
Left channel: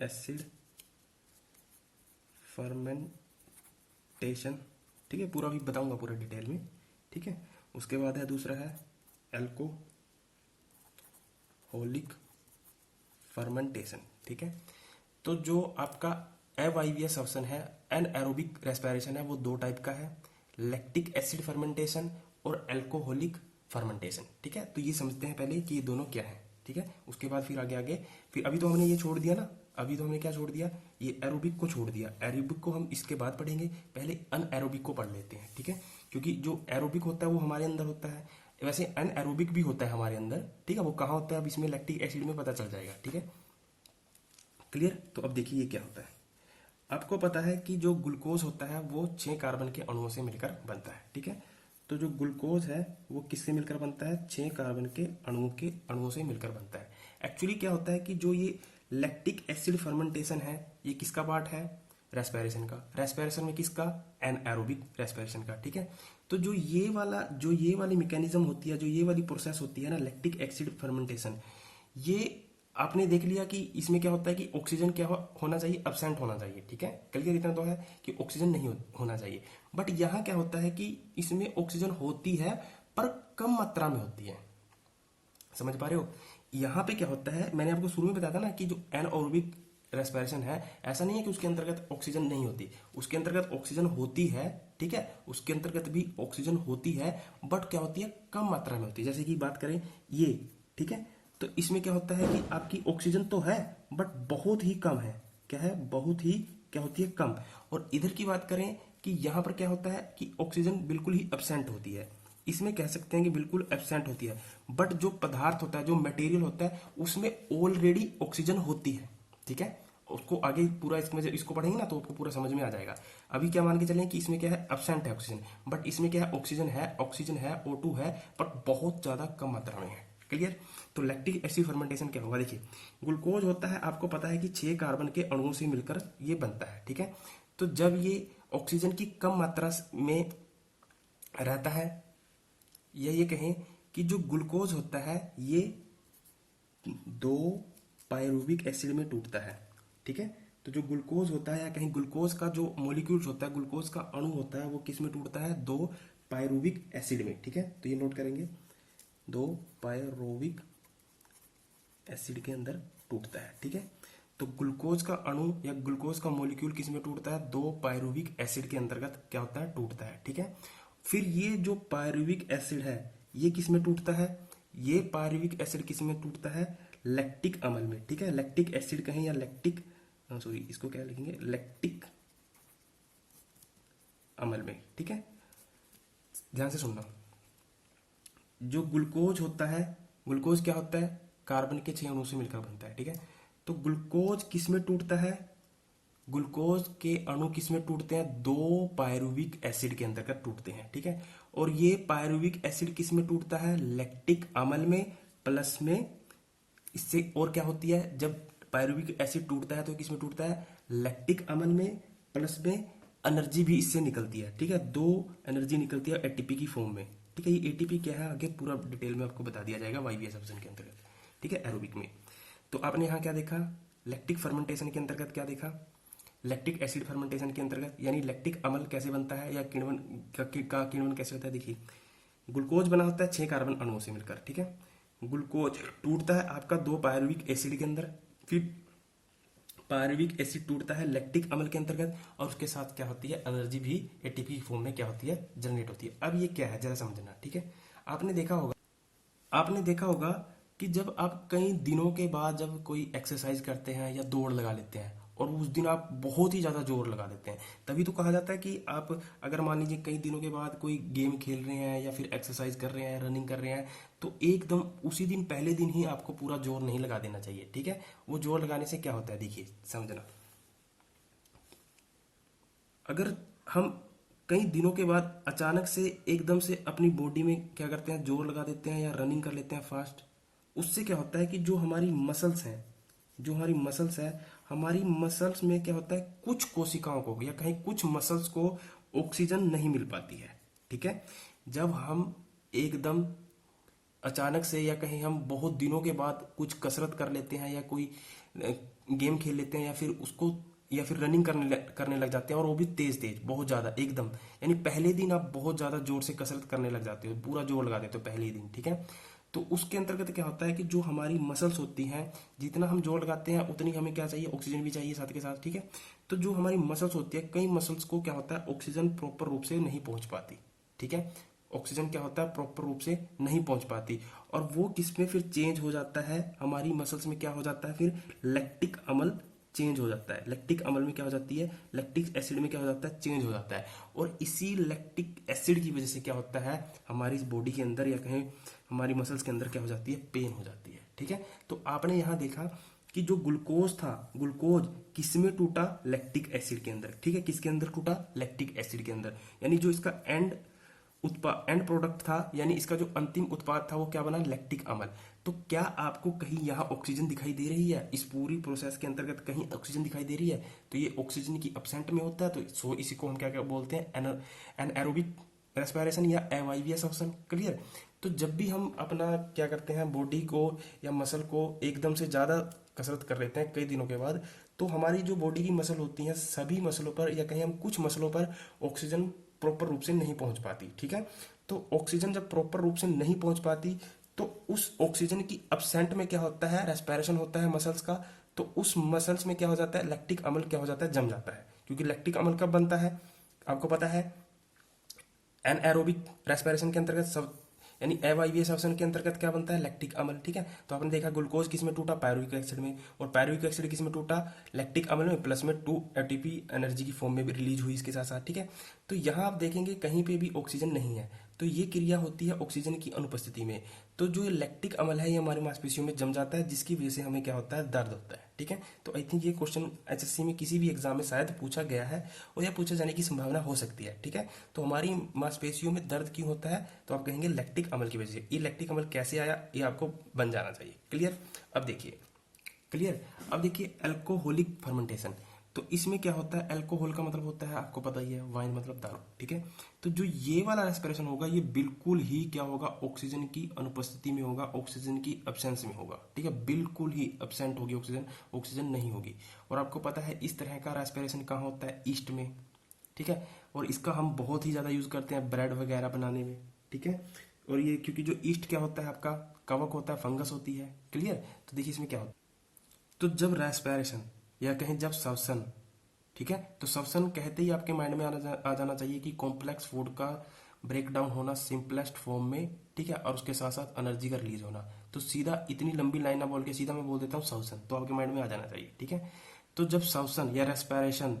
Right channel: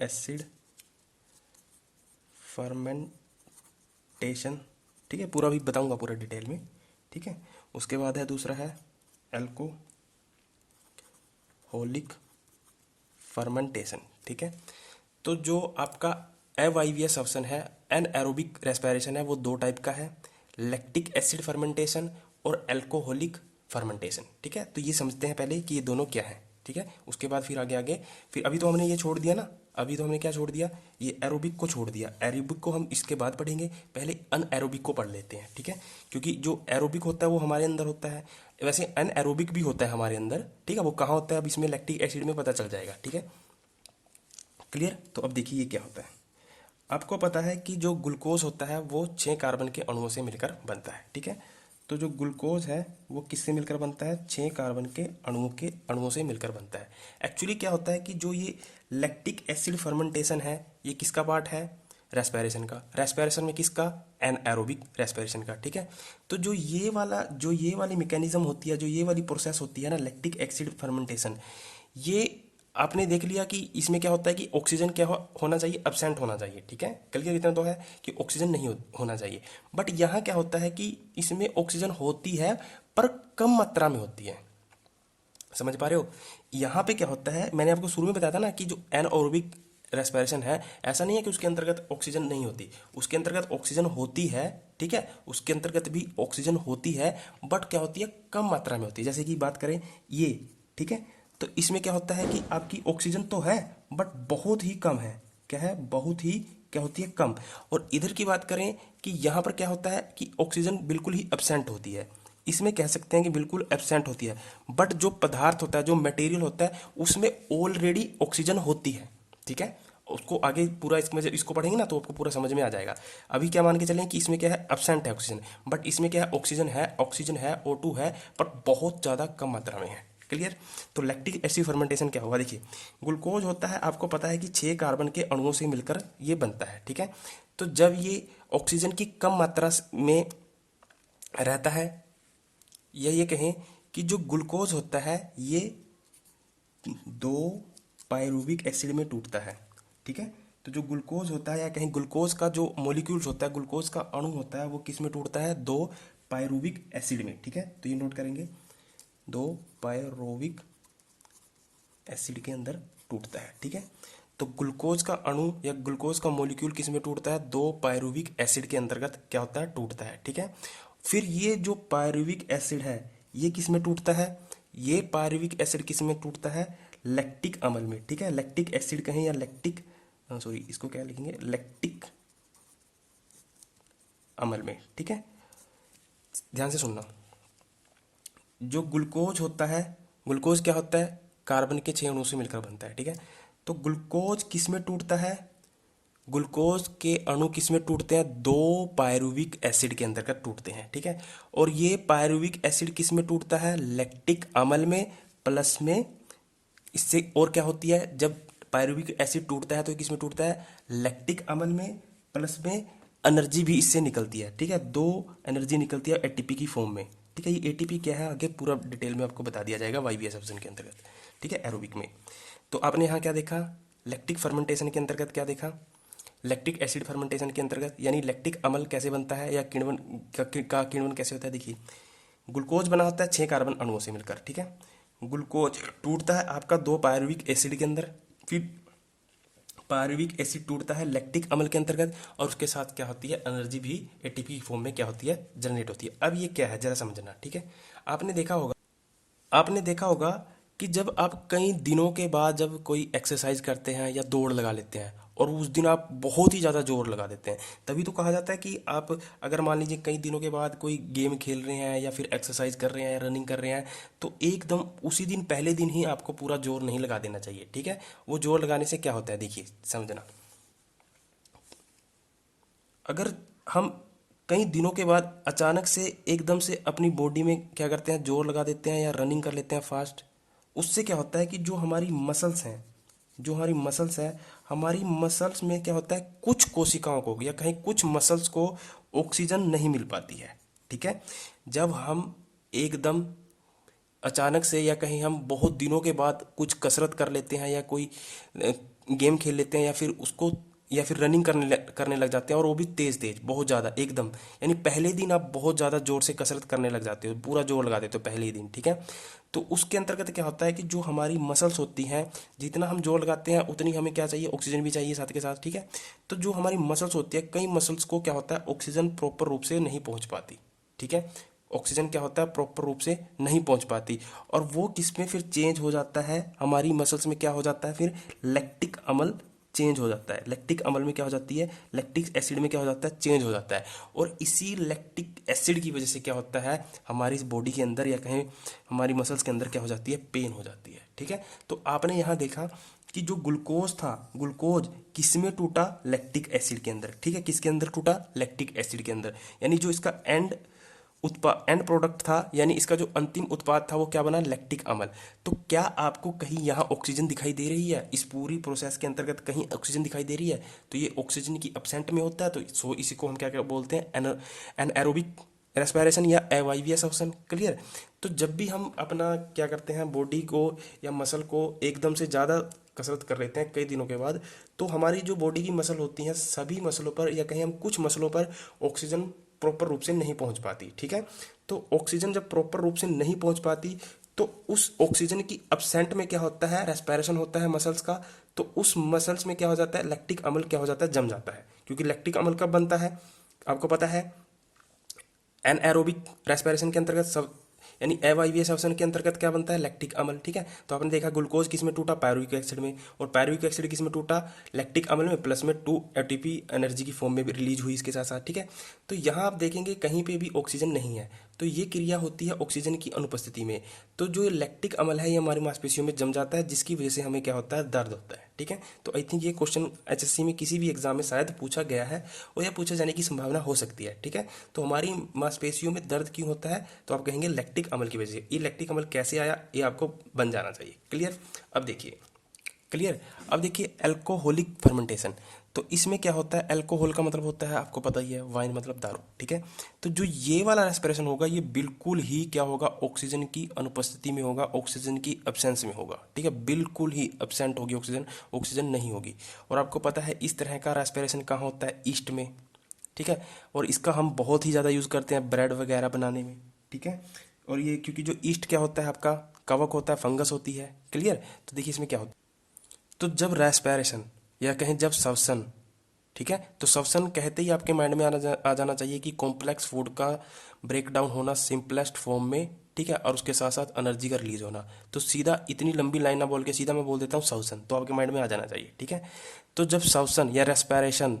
एसिड फर्मेंटेशन, ठीक है, पूरा भी बताऊंगा पूरा डिटेल में, ठीक है। उसके बाद है दूसरा है एल्कोहलिक फर्मेंटेशन, ठीक है। तो जो आपका अवायवीय श्वसन है, एन एरोबिक रेस्पिरेशन है, वो दो टाइप का है, लैक्टिक एसिड फर्मेंटेशन और एल्कोहलिक फर्मेंटेशन, ठीक है। तो ये समझते हैं पहले कि ये दोनों क्या है, ठीक है। उसके बाद फिर आगे फिर अभी तो हमने ये छोड़ दिया ना, अभी तो हमने क्या छोड़ दिया, ये एरोबिक को छोड़ दिया, एरोबिक को हम इसके बाद पढ़ेंगे, पहले अन एरोबिक को पढ़ लेते हैं, ठीक है। क्योंकि जो एरोबिक होता है वो हमारे अंदर होता है, वैसे अन एरोबिक भी होता है हमारे अंदर, ठीक है। वो कहाँ होता है, अब इसमें लैक्टिक एसिड में पता चल जाएगा, ठीक है, क्लियर। तो अब देखिए ये क्या होता है, आपको पता है कि जो ग्लूकोज होता है वो 6 कार्बन के अणुओं से मिलकर बनता है, ठीक है। तो जो ग्लूकोज है वो किससे मिलकर बनता है, 6 कार्बन के अणुओं से मिलकर बनता है। एक्चुअली क्या होता है कि जो ये लैक्टिक एसिड फर्मेंटेशन है, ये किसका पार्ट है, रेस्पिरेशन का। रेस्पिरेशन में किसका, एनाएरोबिक रेस्पिरेशन का, ठीक है। तो जो ये वाली मैकेनिज्म होती है, जो ये वाली प्रोसेस होती है ना, लैक्टिक एसिड फर्मेंटेशन, ये आपने देख लिया कि इसमें क्या होता है कि ऑक्सीजन क्या होना चाहिए, एब्सेंट होना चाहिए, ठीक है। क्लियर इतना तो है कि ऑक्सीजन नहीं होना चाहिए। बट यहाँ क्या होता है कि इसमें ऑक्सीजन होती है पर कम मात्रा में होती है। समझ पा रहे हो? यहाँ पे क्या होता है, मैंने आपको शुरू में बताया था ना कि जो एनएरोबिक रेस्पिरेशन है, ऐसा नहीं है कि उसके अंतर्गत ऑक्सीजन नहीं होती, उसके अंतर्गत ऑक्सीजन होती है, ठीक है, उसके अंतर्गत भी ऑक्सीजन होती है, बट क्या होती है, कम मात्रा में होती है। जैसे कि बात करें ये, ठीक है, तो इसमें क्या होता है कि आपकी ऑक्सीजन तो है बट बहुत ही कम है। क्या है? बहुत ही क्या होती है, कम। और इधर की बात करें कि यहाँ पर क्या होता है कि ऑक्सीजन बिल्कुल ही एब्सेंट होती है। इसमें कह सकते हैं कि बिल्कुल एब्सेंट होती है, बट जो पदार्थ होता है, जो मटेरियल होता है, उसमें ऑलरेडी ऑक्सीजन होती है, ठीक है। उसको आगे पूरा इसमें जब इसको पढ़ेंगे ना तो आपको पूरा समझ में आ जाएगा। अभी क्या मान के चलें कि इसमें क्या है, एब्सेंट है ऑक्सीजन, बट इसमें क्या है, ऑक्सीजन है, ऑक्सीजन है, O2 है, पर बहुत ज़्यादा कम मात्रा में है। क्लियर? तो लैक्टिक एसिड फर्मेंटेशन क्या होगा, देखिए, ग्लूकोज होता है, आपको पता है कि 6 कार्बन के अणुओं से मिलकर ये बनता है, ठीक है। तो जब ये ऑक्सीजन की कम मात्रा में रहता है, या ये कहें कि जो ग्लूकोज होता है ये 2 पायरुविक एसिड में टूटता है, ठीक है। तो जो ग्लूकोज होता है, या कहीं ग्लूकोज का जो मॉलिक्यूल्स होता है, ग्लूकोज का अणु होता है, वो किस में टूटता है, 2 पायरुविक एसिड में, ठीक है। तो ये नोट करेंगे, 2 पायरुविक एसिड के अंदर टूटता है, ठीक है। तो ग्लूकोज का अणु या ग्लूकोज का मॉलिक्यूल किस में टूटता है, 2 पायरुविक एसिड के अंतर्गत क्या होता है, टूटता है, ठीक है। फिर ये जो पायरुविक एसिड है ये किस में टूटता है, ये पायरुविक एसिड किस में टूटता है, लैक्टिक अम्ल में, ठीक है। लैक्टिक एसिड कहें या लैक्टिक, सॉरी इसको क्या लिखेंगे, लैक्टिक अम्ल में, ठीक है। ध्यान से सुनना, जो ग्लूकोज होता है, ग्लूकोज क्या होता है, कार्बन के 6 अणुओं से मिलकर बनता है, ठीक है। तो ग्लूकोज किस में टूटता है, ग्लूकोज के अणु किस में टूटते हैं, 2 पायरुविक एसिड के अंतर्गत टूटते हैं, ठीक है। और ये पायरुविक एसिड किस में टूटता है, लैक्टिक अम्ल में, प्लस में इससे और क्या होती है, जब पायरुविक एसिड टूटता है तो किस में टूटता है, लैक्टिक अम्ल में, प्लस में एनर्जी भी इससे निकलती है, ठीक है। 2 एनर्जी निकलती है एटीपी की फॉर्म में, ठीक है। ये एटीपी क्या है आगे पूरा डिटेल में आपको बता दिया जाएगा वाईवीएस ऑप्शन के अंतर्गत, ठीक है, एरोबिक में। तो आपने यहाँ क्या देखा, लैक्टिक फर्मेंटेशन के अंतर्गत क्या देखा, लैक्टिक एसिड फर्मेंटेशन के अंतर्गत, यानी लैक्टिक अम्ल कैसे बनता है या किण्वन का किण्वन कैसे होता है। देखिए, ग्लूकोज बना होता है 6 कार्बन अणुओं से मिलकर, ठीक है। ग्लूकोज टूटता है आपका 2 पायरुविक एसिड के अंदर, फिर पायरुविक एसिड टूटता है लैक्टिक अम्ल के अंतर्गत, और उसके साथ क्या होती है, एनर्जी भी एटीपी की फॉर्म में क्या होती है, जनरेट होती है। अब ये क्या है जरा समझना, ठीक है। आपने देखा होगा, आपने देखा होगा कि जब आप कई दिनों के बाद जब कोई एक्सरसाइज करते हैं या दौड़ लगा लेते हैं, और उस दिन आप बहुत ही ज़्यादा जोर लगा देते हैं, तभी तो कहा जाता है कि आप अगर मान लीजिए कई दिनों के बाद कोई गेम खेल रहे हैं या फिर एक्सरसाइज कर रहे हैं, रनिंग कर रहे हैं, तो एकदम उसी दिन पहले दिन ही आपको पूरा जोर नहीं लगा देना चाहिए, ठीक है। वो जोर लगाने से क्या होता है, देखिए समझना, अगर हम कई दिनों के बाद अचानक से एकदम से अपनी बॉडी में क्या करते हैं, जोर लगा देते हैं या रनिंग कर लेते हैं फास्ट, उससे क्या होता है कि जो हमारी मसल्स हैं, जो हमारी मसल्स हैं, हमारी मसल्स में क्या होता है, कुछ कोशिकाओं को या कहीं कुछ मसल्स को ऑक्सीजन नहीं मिल पाती है, ठीक है। जब हम एकदम अचानक से या कहीं हम बहुत दिनों के बाद कुछ कसरत कर लेते हैं या कोई गेम खेल लेते हैं या फिर उसको या फिर रनिंग करने लग जाते हैं, और वो भी तेज तेज बहुत ज़्यादा एकदम, यानी पहले दिन आप बहुत ज़्यादा जोर से कसरत करने लग जाते हो, पूरा जोर लगा देते हो पहले ही दिन, ठीक है। तो उसके अंतर्गत क्या होता है कि जो हमारी मसल्स होती हैं, जितना हम जोर लगाते हैं उतनी हमें क्या चाहिए, ऑक्सीजन भी चाहिए साथ के साथ, ठीक है। तो जो हमारी मसल्स होती है, कई मसल्स को क्या होता है, ऑक्सीजन प्रॉपर रूप से नहीं पहुंच पाती, ठीक है। ऑक्सीजन क्या होता है, प्रॉपर रूप से नहीं पहुंच पाती, और वो किस में फिर चेंज हो जाता है, हमारी मसल्स में क्या हो जाता है, फिर लैक्टिक अम्ल चेंज हो जाता है। लैक्टिक अम्ल में क्या हो जाती है, लैक्टिक एसिड में क्या हो जाता है, चेंज हो जाता है। और इसी लैक्टिक एसिड की वजह से क्या होता है, हमारी इस बॉडी के अंदर या कहें हमारी मसल्स के अंदर क्या हो जाती है, पेन हो जाती है, ठीक है। तो आपने यहाँ देखा कि जो ग्लूकोज था, ग्लूकोज किस में टूटा, लैक्टिक एसिड के अंदर, ठीक है। किसके अंदर टूटा, लैक्टिक एसिड के अंदर, यानी जो इसका एंड प्रोडक्ट था, यानी इसका जो अंतिम उत्पाद था वो क्या बना, लैक्टिक अम्ल। तो क्या आपको कहीं यहाँ ऑक्सीजन दिखाई दे रही है, इस पूरी प्रोसेस के अंतर्गत कहीं ऑक्सीजन दिखाई दे रही है, तो ये ऑक्सीजन की एब्सेंट में होता है, तो सो इसी को हम क्या क्या बोलते हैं, एनएरोबिक रेस्पिरेशन या एवाईवीएस ऑप्शन, क्लियर। तो जब भी हम अपना क्या करते हैं, बॉडी को या मसल को एकदम से ज़्यादा कसरत कर लेते हैं कई दिनों के बाद, तो हमारी जो बॉडी की मसल होती हैं सभी मसलों पर या कहीं हम कुछ मसलों पर ऑक्सीजन प्रॉपर रूप से नहीं पहुंच पाती, ठीक है। तो ऑक्सीजन जब प्रॉपर रूप से नहीं पहुंच पाती, तो उस ऑक्सीजन की अपसेंट में क्या होता है, रेस्पिरेशन होता है मसल्स का। तो उस मसल्स में क्या हो जाता है, लैक्टिक अम्ल क्या हो जाता है, जम जाता है। क्योंकि लैक्टिक अम्ल कब बनता है, आपको पता है, एनएरोबिक रेस्पिरेशन के अंतर्गत सब, यानी अवायवीय श्वसन के अंतर्गत क्या बनता है, लैक्टिक अम्ल, ठीक है। तो आपने देखा ग्लूकोज किस में टूटा, पायरुविक एसिड में, और पायरुविक एसिड किस में टूटा, लैक्टिक अम्ल में, प्लस में 2 एटीपी एनर्जी की फॉर्म में भी रिलीज हुई इसके साथ साथ, ठीक है। तो यहाँ आप देखेंगे कहीं पे भी ऑक्सीजन नहीं है, तो ये क्रिया होती है ऑक्सीजन की अनुपस्थिति में। तो जो लैक्टिक अम्ल है ये हमारी मांसपेशियों में जम जाता है, जिसकी वजह से हमें क्या होता है, दर्द होता है, ठीक है। तो आई थिंक ये क्वेश्चन एचएससी में किसी भी एग्जाम में शायद पूछा गया है, और यह पूछे जाने की संभावना हो सकती है, ठीक है। तो हमारी मांसपेशियों में दर्द क्यों होता है, तो आप कहेंगे लैक्टिक अम्ल की वजह से। ये लैक्टिक अम्ल कैसे आया, ये आपको बन जाना चाहिए क्लियर। अब देखिए क्लियर, अब देखिए अल्कोहलिक फर्मेंटेशन। तो इसमें क्या होता है, अल्कोहल का मतलब होता है आपको पता ही है, वाइन मतलब दारू, ठीक है। तो जो ये वाला रेस्पिरेशन होगा ये बिल्कुल ही क्या होगा, ऑक्सीजन की अनुपस्थिति में होगा, ऑक्सीजन की एब्सेंस में होगा, ठीक है। बिल्कुल ही एब्सेंट होगी ऑक्सीजन, ऑक्सीजन नहीं होगी। और आपको पता है इस तरह का रेस्पिरेशन कहाँ होता है, ईस्ट में, ठीक है। और इसका हम बहुत ही ज़्यादा यूज़ करते हैं ब्रेड वगैरह बनाने में, ठीक है। और ये क्योंकि जो ईस्ट क्या होता है आपका, कवक होता है, फंगस होती है, क्लियर। तो देखिए इसमें क्या होता है, तो जब रेस्पिरेशन या कहें जब श्वसन, ठीक है, तो श्वसन कहते ही आपके माइंड में आ जाना चाहिए कि कॉम्प्लेक्स फूड का ब्रेक डाउन होना सिंपलेस्ट फॉर्म में, ठीक है, और उसके साथ साथ एनर्जी का रिलीज होना। तो सीधा इतनी लंबी लाइन ना बोल के सीधा मैं बोल देता हूँ श्वसन, तो आपके माइंड में आ जाना चाहिए, ठीक है। तो जब श्वसन या रेस्पिरेशन,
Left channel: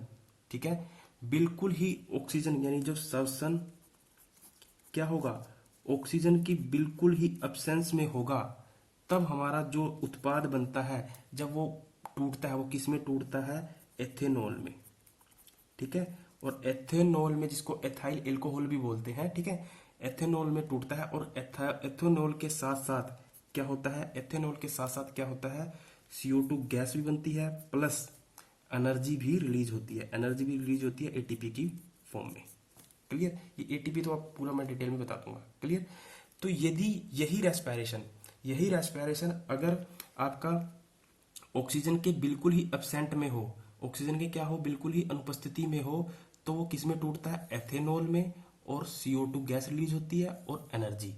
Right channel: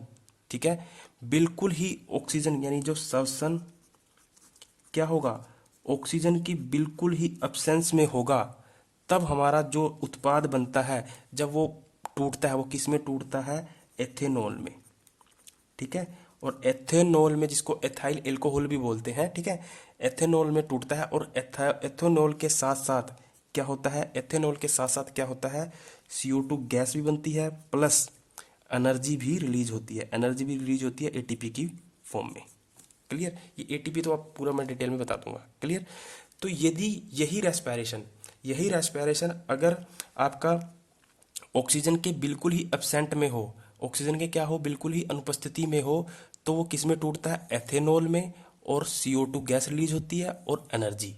ठीक है, बिल्कुल ही ऑक्सीजन यानी जो श्वसन क्या होगा, ऑक्सीजन की बिल्कुल ही अब्सेंस में होगा, तब हमारा जो उत्पाद बनता है जब वो टूटता है, वो किस में टूटता है, एथेनॉल में, ठीक है। और एथेनॉल में, जिसको एथाइल एल्कोहल भी बोलते हैं, ठीक है, एथेनॉल में टूटता है। और एथेनॉल के साथ साथ क्या होता है, एथेनॉल के साथ साथ क्या होता है, CO2 गैस भी बनती है, प्लस एनर्जी भी रिलीज होती है, एनर्जी भी रिलीज होती है एटीपी की फॉर्म में, क्लियर। ये एटीपी तो आप पूरा मैं डिटेल में बता दूंगा, क्लियर। तो यदि यही रेस्पिरेशन अगर आपका ऑक्सीजन के बिल्कुल ही एब्सेंट में हो, ऑक्सीजन के क्या हो, बिल्कुल ही अनुपस्थिति में हो, तो वो किस में टूटता है, एथेनॉल में, और CO2 गैस रिलीज होती है और एनर्जी,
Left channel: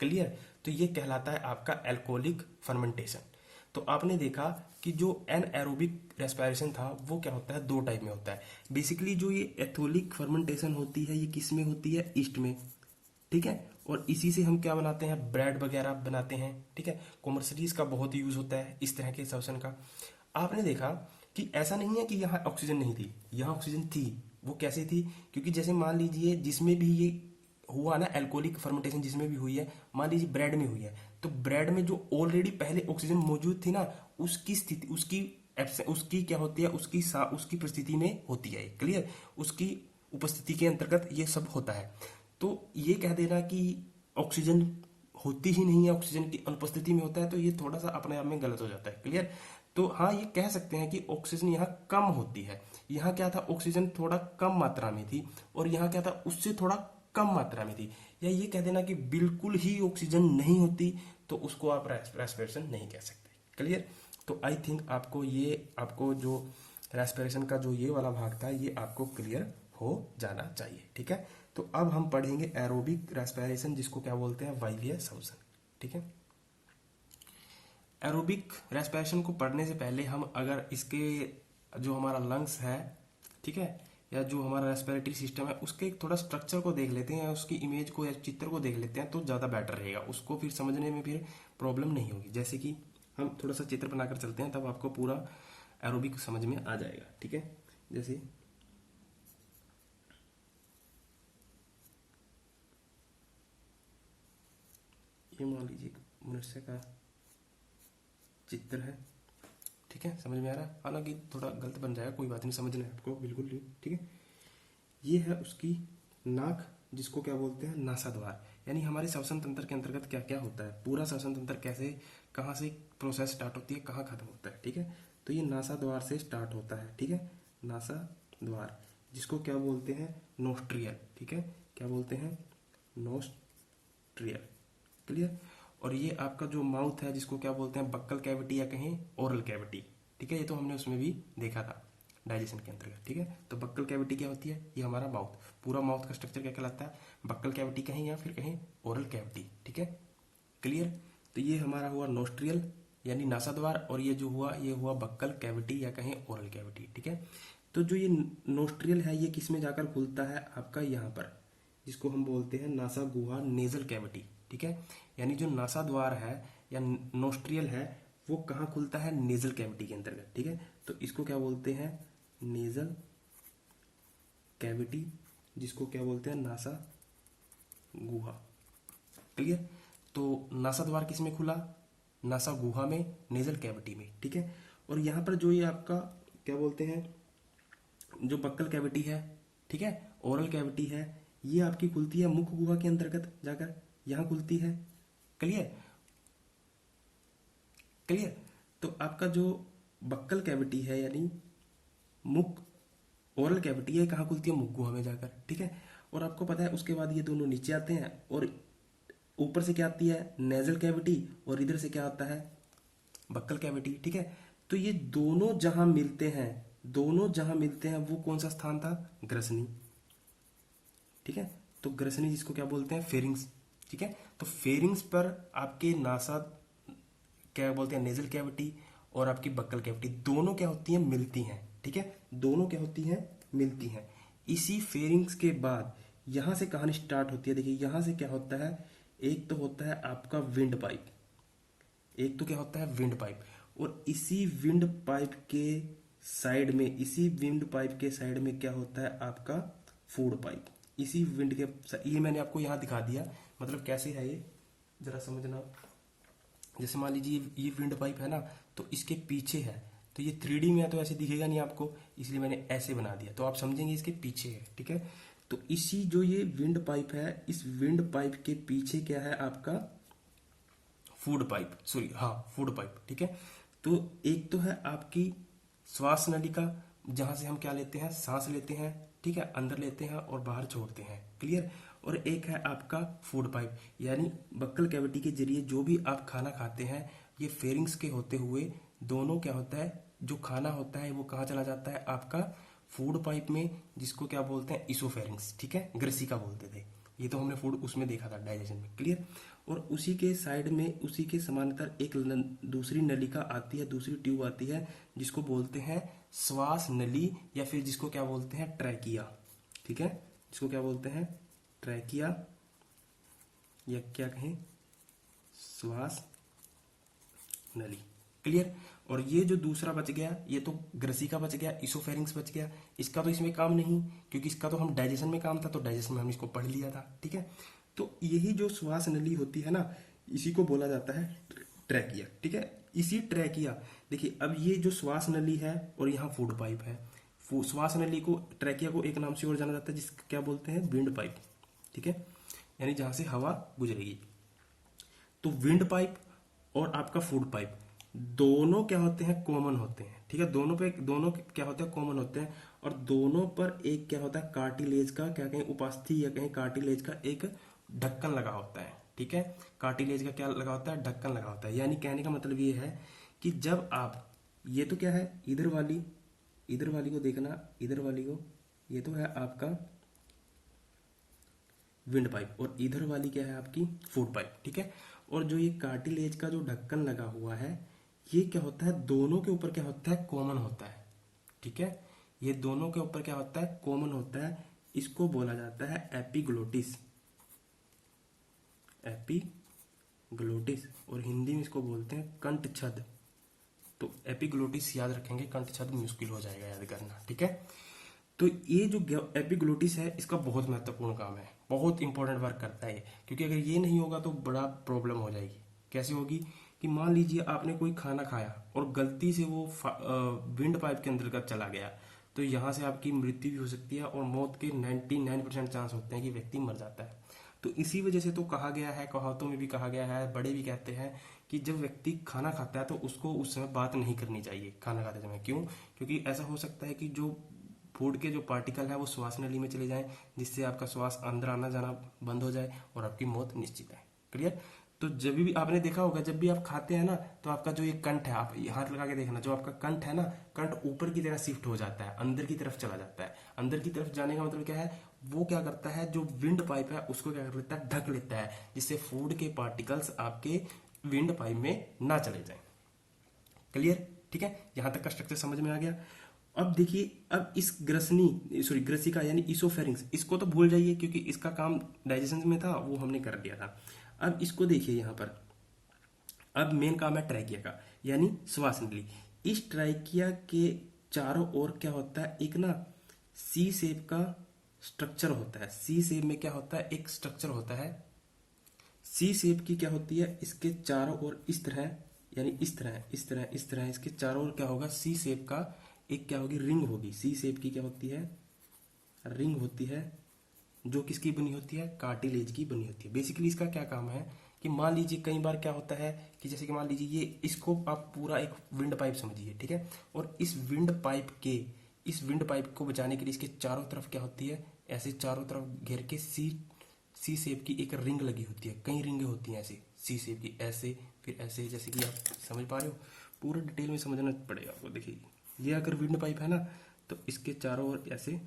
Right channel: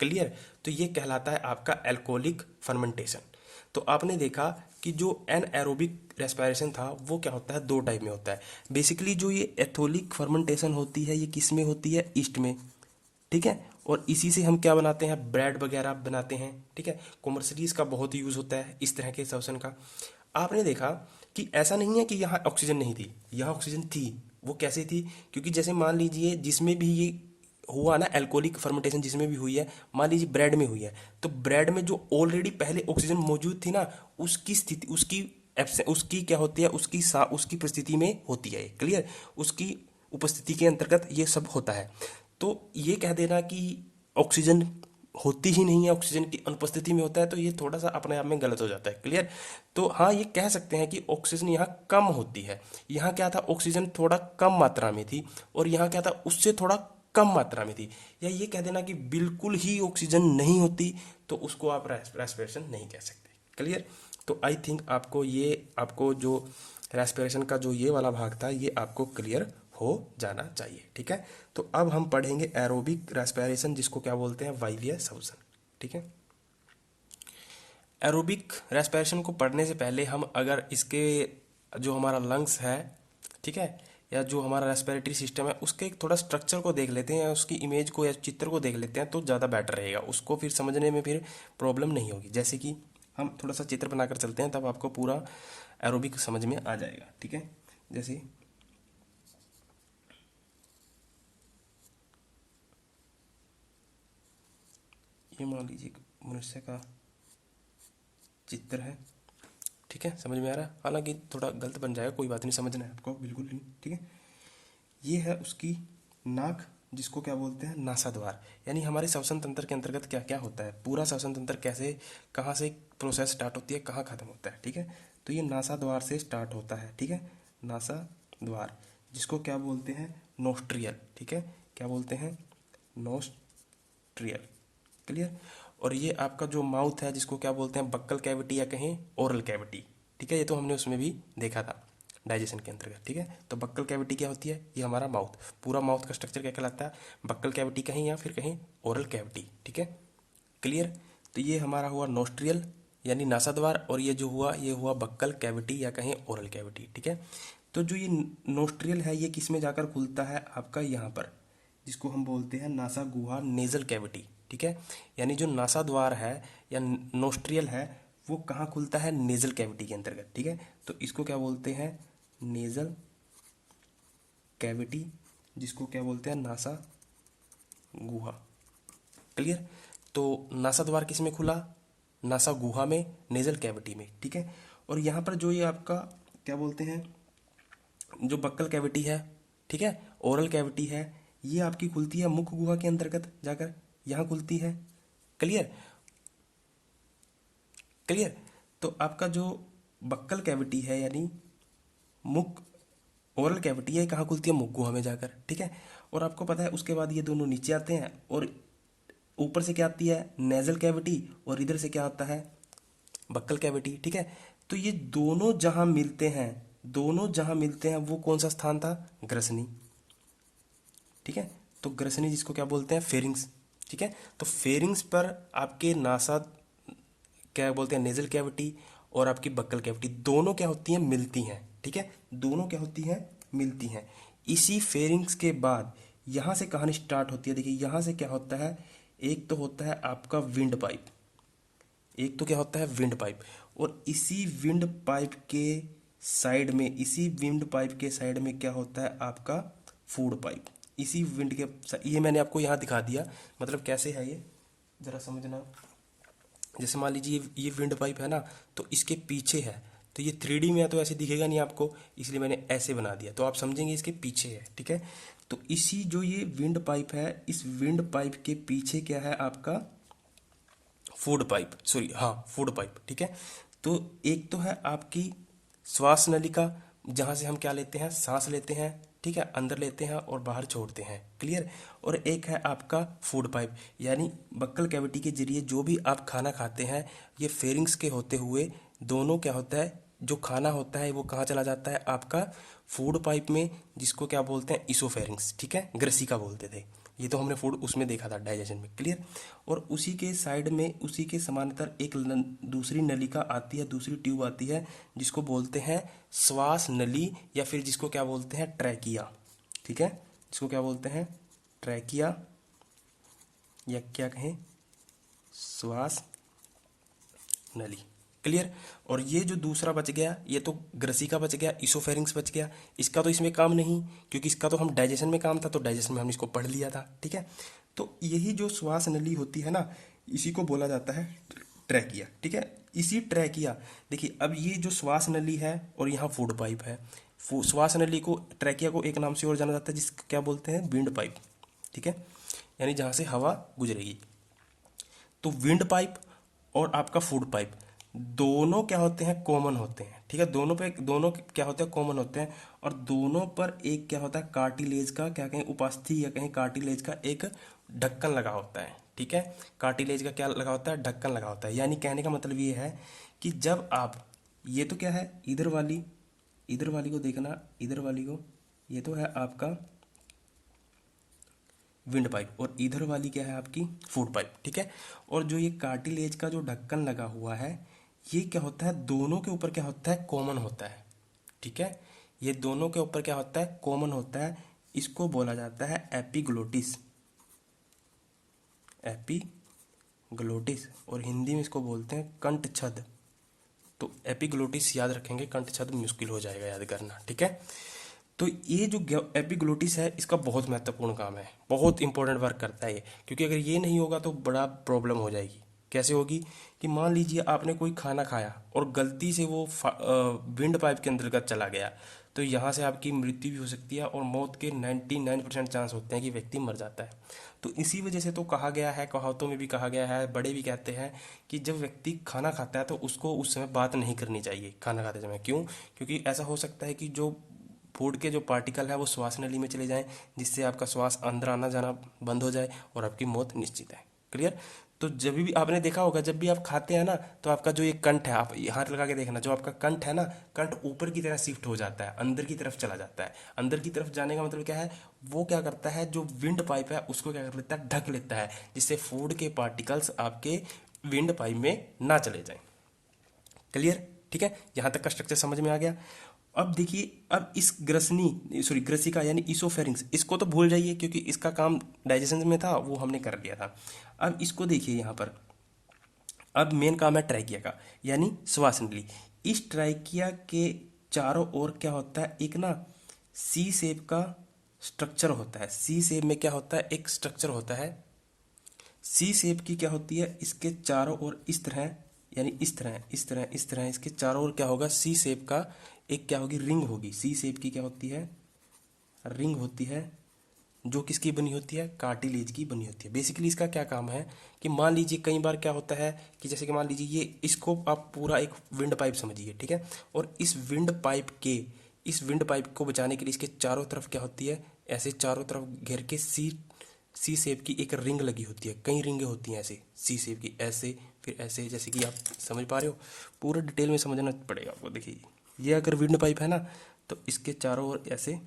क्लियर। तो ये कहलाता है आपका एल्कोहलिक फर्मेंटेशन। तो आपने देखा कि जो एनएरोबिक रेस्पिरेशन था वो क्या होता है, दो टाइप में होता है। बेसिकली जो ये एथोलिक फर्मेंटेशन होती है ये किस में होती है, ईस्ट में, ठीक है। और इसी से हम क्या बनाते हैं, ब्रेड वगैरह बनाते हैं, ठीक है। कॉमर्शियली इसका बहुत यूज होता है इस तरह के श्वसन का। आपने देखा कि ऐसा नहीं है कि यहाँ ऑक्सीजन नहीं थी, यहाँ ऑक्सीजन थी। वो कैसे थी, क्योंकि जैसे मान लीजिए जिसमें भी ये हुआ ना एल्कोहलिक फर्मेंटेशन, जिसमें भी हुई है, मान लीजिए ब्रेड में हुई है, तो ब्रेड में जो ऑलरेडी पहले ऑक्सीजन मौजूद थी ना, उसकी स्थिति, उसकी क्या होती है, उसकी परिस्थिति में होती है, क्लियर। उसकी उपस्थिति के अंतर्गत ये सब होता है। तो ये कह देना कि ऑक्सीजन होती ही नहीं है, ऑक्सीजन की अनुपस्थिति में होता है, तो ये थोड़ा सा अपने आप में गलत हो जाता है, क्लियर। तो हाँ, ये कह सकते हैं कि ऑक्सीजन यहाँ कम होती है। यहाँ क्या था, ऑक्सीजन थोड़ा कम मात्रा में थी, और यहाँ क्या था, उससे थोड़ा कम मात्रा में थी। या ये कह देना कि बिल्कुल ही ऑक्सीजन नहीं होती, तो उसको आप रेस्पिरेशन नहीं कह सकते, क्लियर। तो आई थिंक आपको जो रेस्पिरेशन का जो ये वाला भाग था ये आपको क्लियर हो जाना चाहिए, ठीक है। तो अब हम पढ़ेंगे एरोबिक रेस्पिरेशन, जिसको क्या बोलते हैं, वायवीय श्वसन, ठीक है। एरोबिक रेस्पिरेशन को पढ़ने से पहले हम अगर इसके जो हमारा लंग्स है, ठीक है, या जो हमारा रेस्पिरेटरी सिस्टम है, उसके एक थोड़ा स्ट्रक्चर को देख लेते हैं, या उसकी इमेज को या चित्र को देख लेते हैं, तो ज़्यादा बेटर रहेगा, उसको फिर समझने में फिर प्रॉब्लम नहीं होगी। जैसे कि हम थोड़ा सा चित्र बनाकर चलते हैं, तब आपको पूरा एरोबिक समझ में आ जाएगा, ठीक है। जैसे ये मान लीजिए मनुष्य का चित्र है, ठीक है, समझ में आ रहा है। हालांकि थोड़ा गलत बन जाएगा, कोई बात नहीं, समझना है आपको बिल्कुल नहीं, ठीक है। ये है उसकी नाक, जिसको क्या बोलते हैं, नासाद्वार। यानी हमारे श्वसन तंत्र के अंतर्गत क्या क्या होता है, पूरा श्वसन तंत्र कैसे, कहाँ से प्रोसेस स्टार्ट होती है, कहाँ खत्म होता है, ठीक है। तो ये नासाद्वार से स्टार्ट होता है, ठीक है, नासाद्वार, जिसको क्या बोलते हैं, नोस्ट्रियल, ठीक है, क्या बोलते हैं, नोस्ट्रियल, क्लियर। और ये आपका जो माउथ है जिसको क्या बोलते हैं, बक्कल कैविटी या कहें ओरल कैविटी, ठीक है। ये तो हमने उसमें भी देखा था डाइजेशन के अंतर्गत, ठीक है। तो बक्कल कैविटी क्या होती है, ये हमारा माउथ, पूरा माउथ का स्ट्रक्चर क्या कहलाता है, बक्कल कैविटी कहें या फिर कहें ओरल कैविटी, ठीक है। क्लियर। तो ये हमारा हुआ नोस्ट्रियल यानी नासाद्वार, और ये जो हुआ ये हुआ बक्कल कैविटी या कहें ओरल कैविटी, ठीक है। तो जो ये नोस्ट्रियल है ये किस में जाकर खुलता है, आपका यहाँ पर, जिसको हम बोलते हैं नासा गुहा, नेजल कैविटी, ठीक है। यानी जो नासा द्वार है या नोस्ट्रियल है वो कहाँ खुलता है, नेजल कैविटी के अंतर्गत, ठीक है। तो इसको क्या बोलते हैं, नेजल कैविटी, जिसको क्या बोलते हैं, नासा गुहा। क्लियर। तो नासा द्वार किस में खुला, नासा गुहा में, नेजल कैविटी में, ठीक है। और यहाँ पर जो ये आपका क्या बोलते हैं, जो बक्कल कैविटी है, ठीक है, ओरल कैविटी है, ये आपकी खुलती है मुख गुहा के अंतर्गत जाकर, यहाँ खुलती है। क्लियर। क्लियर। तो आपका जो बक्कल कैविटी है यानी मुख, ओरल कैविटी है, कहाँ खुलती है, मुख गुहा में जाकर, ठीक है। और आपको पता है उसके बाद ये दोनों नीचे आते हैं और ऊपर से क्या आती है, नेजल कैविटी, और इधर से क्या आता है, बक्कल कैविटी, ठीक है। तो ये दोनों जहां मिलते हैं, दोनों जहां मिलते हैं वो कौन सा स्थान था, ग्रसनी, ठीक है। तो ग्रसनी जिसको क्या बोलते हैं, फेरिंग्स, ठीक है। तो फेरिंग्स पर आपके नासा क्या बोलते हैं, नेजल कैविटी और आपकी बक्कल कैविटी दोनों क्या होती हैं, मिलती हैं, ठीक है। दोनों क्या होती हैं, मिलती हैं। इसी फेरिंग्स के बाद यहाँ से कहानी स्टार्ट होती है। देखिए यहाँ से क्या होता है, एक तो होता है आपका विंड पाइप, एक तो क्या होता है विंड पाइप, और इसी विंड पाइप के साइड में, इसी विंड पाइप के साइड में क्या होता है आपका फूड पाइप। इसी विंड के, ये मैंने आपको यहाँ दिखा दिया, मतलब कैसे है ये जरा समझना। जैसे मान लीजिए ये विंड पाइप है ना, तो इसके पीछे है, तो ये 3D में है तो ऐसे दिखेगा नहीं आपको, इसलिए मैंने ऐसे बना दिया, तो आप समझेंगे इसके पीछे है, ठीक है। तो इसी जो ये विंड पाइप है, इस विंड पाइप के पीछे क्या है आपका फूड पाइप, सॉरी हाँ फूड पाइप, ठीक है। तो एक तो है आपकी श्वास नलिका, जहाँ से हम क्या लेते हैं, सांस लेते हैं, ठीक है, अंदर लेते हैं और बाहर छोड़ते हैं। क्लियर। और एक है आपका फूड पाइप, यानी बक्कल कैविटी के जरिए जो भी आप खाना खाते हैं, ये फेरिंग्स के होते हुए दोनों क्या होता है, जो खाना होता है वो कहाँ चला जाता है, आपका फूड पाइप में, जिसको क्या बोलते हैं, इसोफेरिंग्स, ठीक है, ग्रसिका बोलते थे। ये तो हमने फूड उसमें देखा था डाइजेशन में। क्लियर। और उसी के साइड में, उसी के समांतर एक दूसरी नलिका आती है, दूसरी ट्यूब आती है, जिसको बोलते हैं श्वास नली, या फिर जिसको क्या बोलते हैं, ट्रैकिया, ठीक है। जिसको क्या बोलते हैं, ट्रैकिया, या क्या कहें, श्वास नली। क्लियर। और ये जो दूसरा बच गया, ये तो ग्रसिका बच गया, इसोफेरिंग्स बच गया, इसका तो इसमें काम नहीं, क्योंकि इसका तो हम डाइजेशन में काम था, तो डाइजेशन में हम इसको पढ़ लिया था, ठीक है। तो यही जो श्वास नली होती है ना, इसी को बोला जाता है ट्रैकिया, ठीक है। इसी ट्रैकिया, देखिए अब ये जो श्वास नली है और यहाँ फूड पाइप है, श्वास नली को, ट्रैकिया को एक नाम से और जाना जाता है, जिसको क्या बोलते हैं, विंड पाइप, ठीक है, यानी जहाँ से हवा गुजरेगी। तो विंड पाइप और आपका फूड पाइप दोनों क्या होते हैं, कॉमन होते हैं, ठीक है। दोनों पे, दोनों क्या होते हैं, कॉमन होते हैं। और दोनों पर एक क्या होता है, कार्टिलेज का क्या कहें, उपास्थि या कहें कार्टिलेज का एक ढक्कन लगा होता है, ठीक है। कार्टिलेज का क्या लगा होता है, ढक्कन लगा होता है। यानी कहने का मतलब ये है कि जब आप, ये तो क्या है, इधर वाली, इधर वाली को देखना, इधर वाली को, ये तो है आपका विंड पाइप, और इधर वाली क्या है आपकी फूड पाइप, ठीक है। और जो ये कार्टिलेज का जो ढक्कन लगा हुआ है, ये क्या होता है, दोनों के ऊपर क्या होता है, कॉमन होता है, ठीक है। ये दोनों के ऊपर क्या होता है, कॉमन होता है। इसको बोला जाता है एपिग्लोटिस, एपिग्लोटिस, और हिंदी में इसको बोलते हैं कंठ छद। तो एपिग्लोटिस याद रखेंगे, कंठ छद मुश्किल हो जाएगा याद करना, ठीक है। तो ये जो एपिग्लोटिस है, इसका बहुत महत्वपूर्ण काम है, बहुत इंपॉर्टेंट वर्क करता है ये, क्योंकि अगर ये नहीं होगा तो बड़ा प्रॉब्लम हो जाएगी। कैसे होगी, कि मान लीजिए आपने कोई खाना खाया और गलती से वो विंड पाइप के अंतर्गत चला गया, तो यहाँ से आपकी मृत्यु भी हो सकती है, और मौत के 99% चांस होते हैं कि व्यक्ति मर जाता है। तो इसी वजह से तो कहा गया है, कहावतों में भी कहा गया है, बड़े भी कहते हैं कि जब व्यक्ति खाना खाता है तो उसको उस समय बात नहीं करनी चाहिए खाना खाते समय। क्यों, क्योंकि ऐसा हो सकता है कि जो फूड के जो पार्टिकल है वो श्वास नली में चले जाएं, जिससे आपका श्वास अंदर आना जाना बंद हो जाए और आपकी मौत निश्चित है। क्लियर। तो जब भी आपने देखा होगा, जब भी आप खाते हैं ना, तो आपका जो ये कंठ है, आप हाथ लगा के देखना, जो आपका कंठ है ना, कंठ ऊपर की तरफ शिफ्ट हो जाता है, अंदर की तरफ चला जाता है। अंदर की तरफ जाने का मतलब क्या है, वो क्या करता है, जो विंड पाइप है उसको क्या कर लेता है, ढक लेता है, जिससे फूड के पार्टिकल्स आपके विंड पाइप में ना चले जाएं। क्लियर? ठीक है, यहाँ तक का स्ट्रक्चर समझ में आ गया। अब देखिए, अब इस ग्रसिका यानी इसोफेरिंग्स, इसको तो भूल जाइए क्योंकि इसका काम डाइजेशन में था, वो हमने कर लिया था। अब इसको देखिए यहाँ पर, अब मेन काम है ट्रैकिया का, यानी श्वास नली। इस ट्रैकिया के चारों ओर क्या होता है, एक ना सी शेप का स्ट्रक्चर होता है। सी शेप में क्या होता है, एक स्ट्रक्चर होता है। सी शेप की क्या होती है, इसके चारों ओर इस तरह, यानी इस तरह इस तरह इस तरह, इसके चारों ओर क्या होगा, सी शेप का एक क्या होगी, रिंग होगी। सी शेप की क्या होती है, रिंग होती है, जो किसकी बनी होती है, कार्टिलेज की बनी होती है। बेसिकली इसका क्या काम है कि मान लीजिए कई बार क्या होता है कि जैसे कि मान लीजिए ये, इसको आप पूरा एक विंड पाइप समझिए, ठीक है, और इस विंड पाइप को बचाने के लिए इसके चारों तरफ क्या होती है, ऐसे चारों तरफ घेर के सी शेप की एक रिंग लगी होती है। कई रिंगें होती हैं ऐसे सी शेप की, ऐसे फिर ऐसे, जैसे कि आप समझ पा रहे हो। पूरा डिटेल में समझना पड़ेगा आपको। देखिए, ये अगर विंड पाइप है ना, तो इसके चारों ओर ऐसे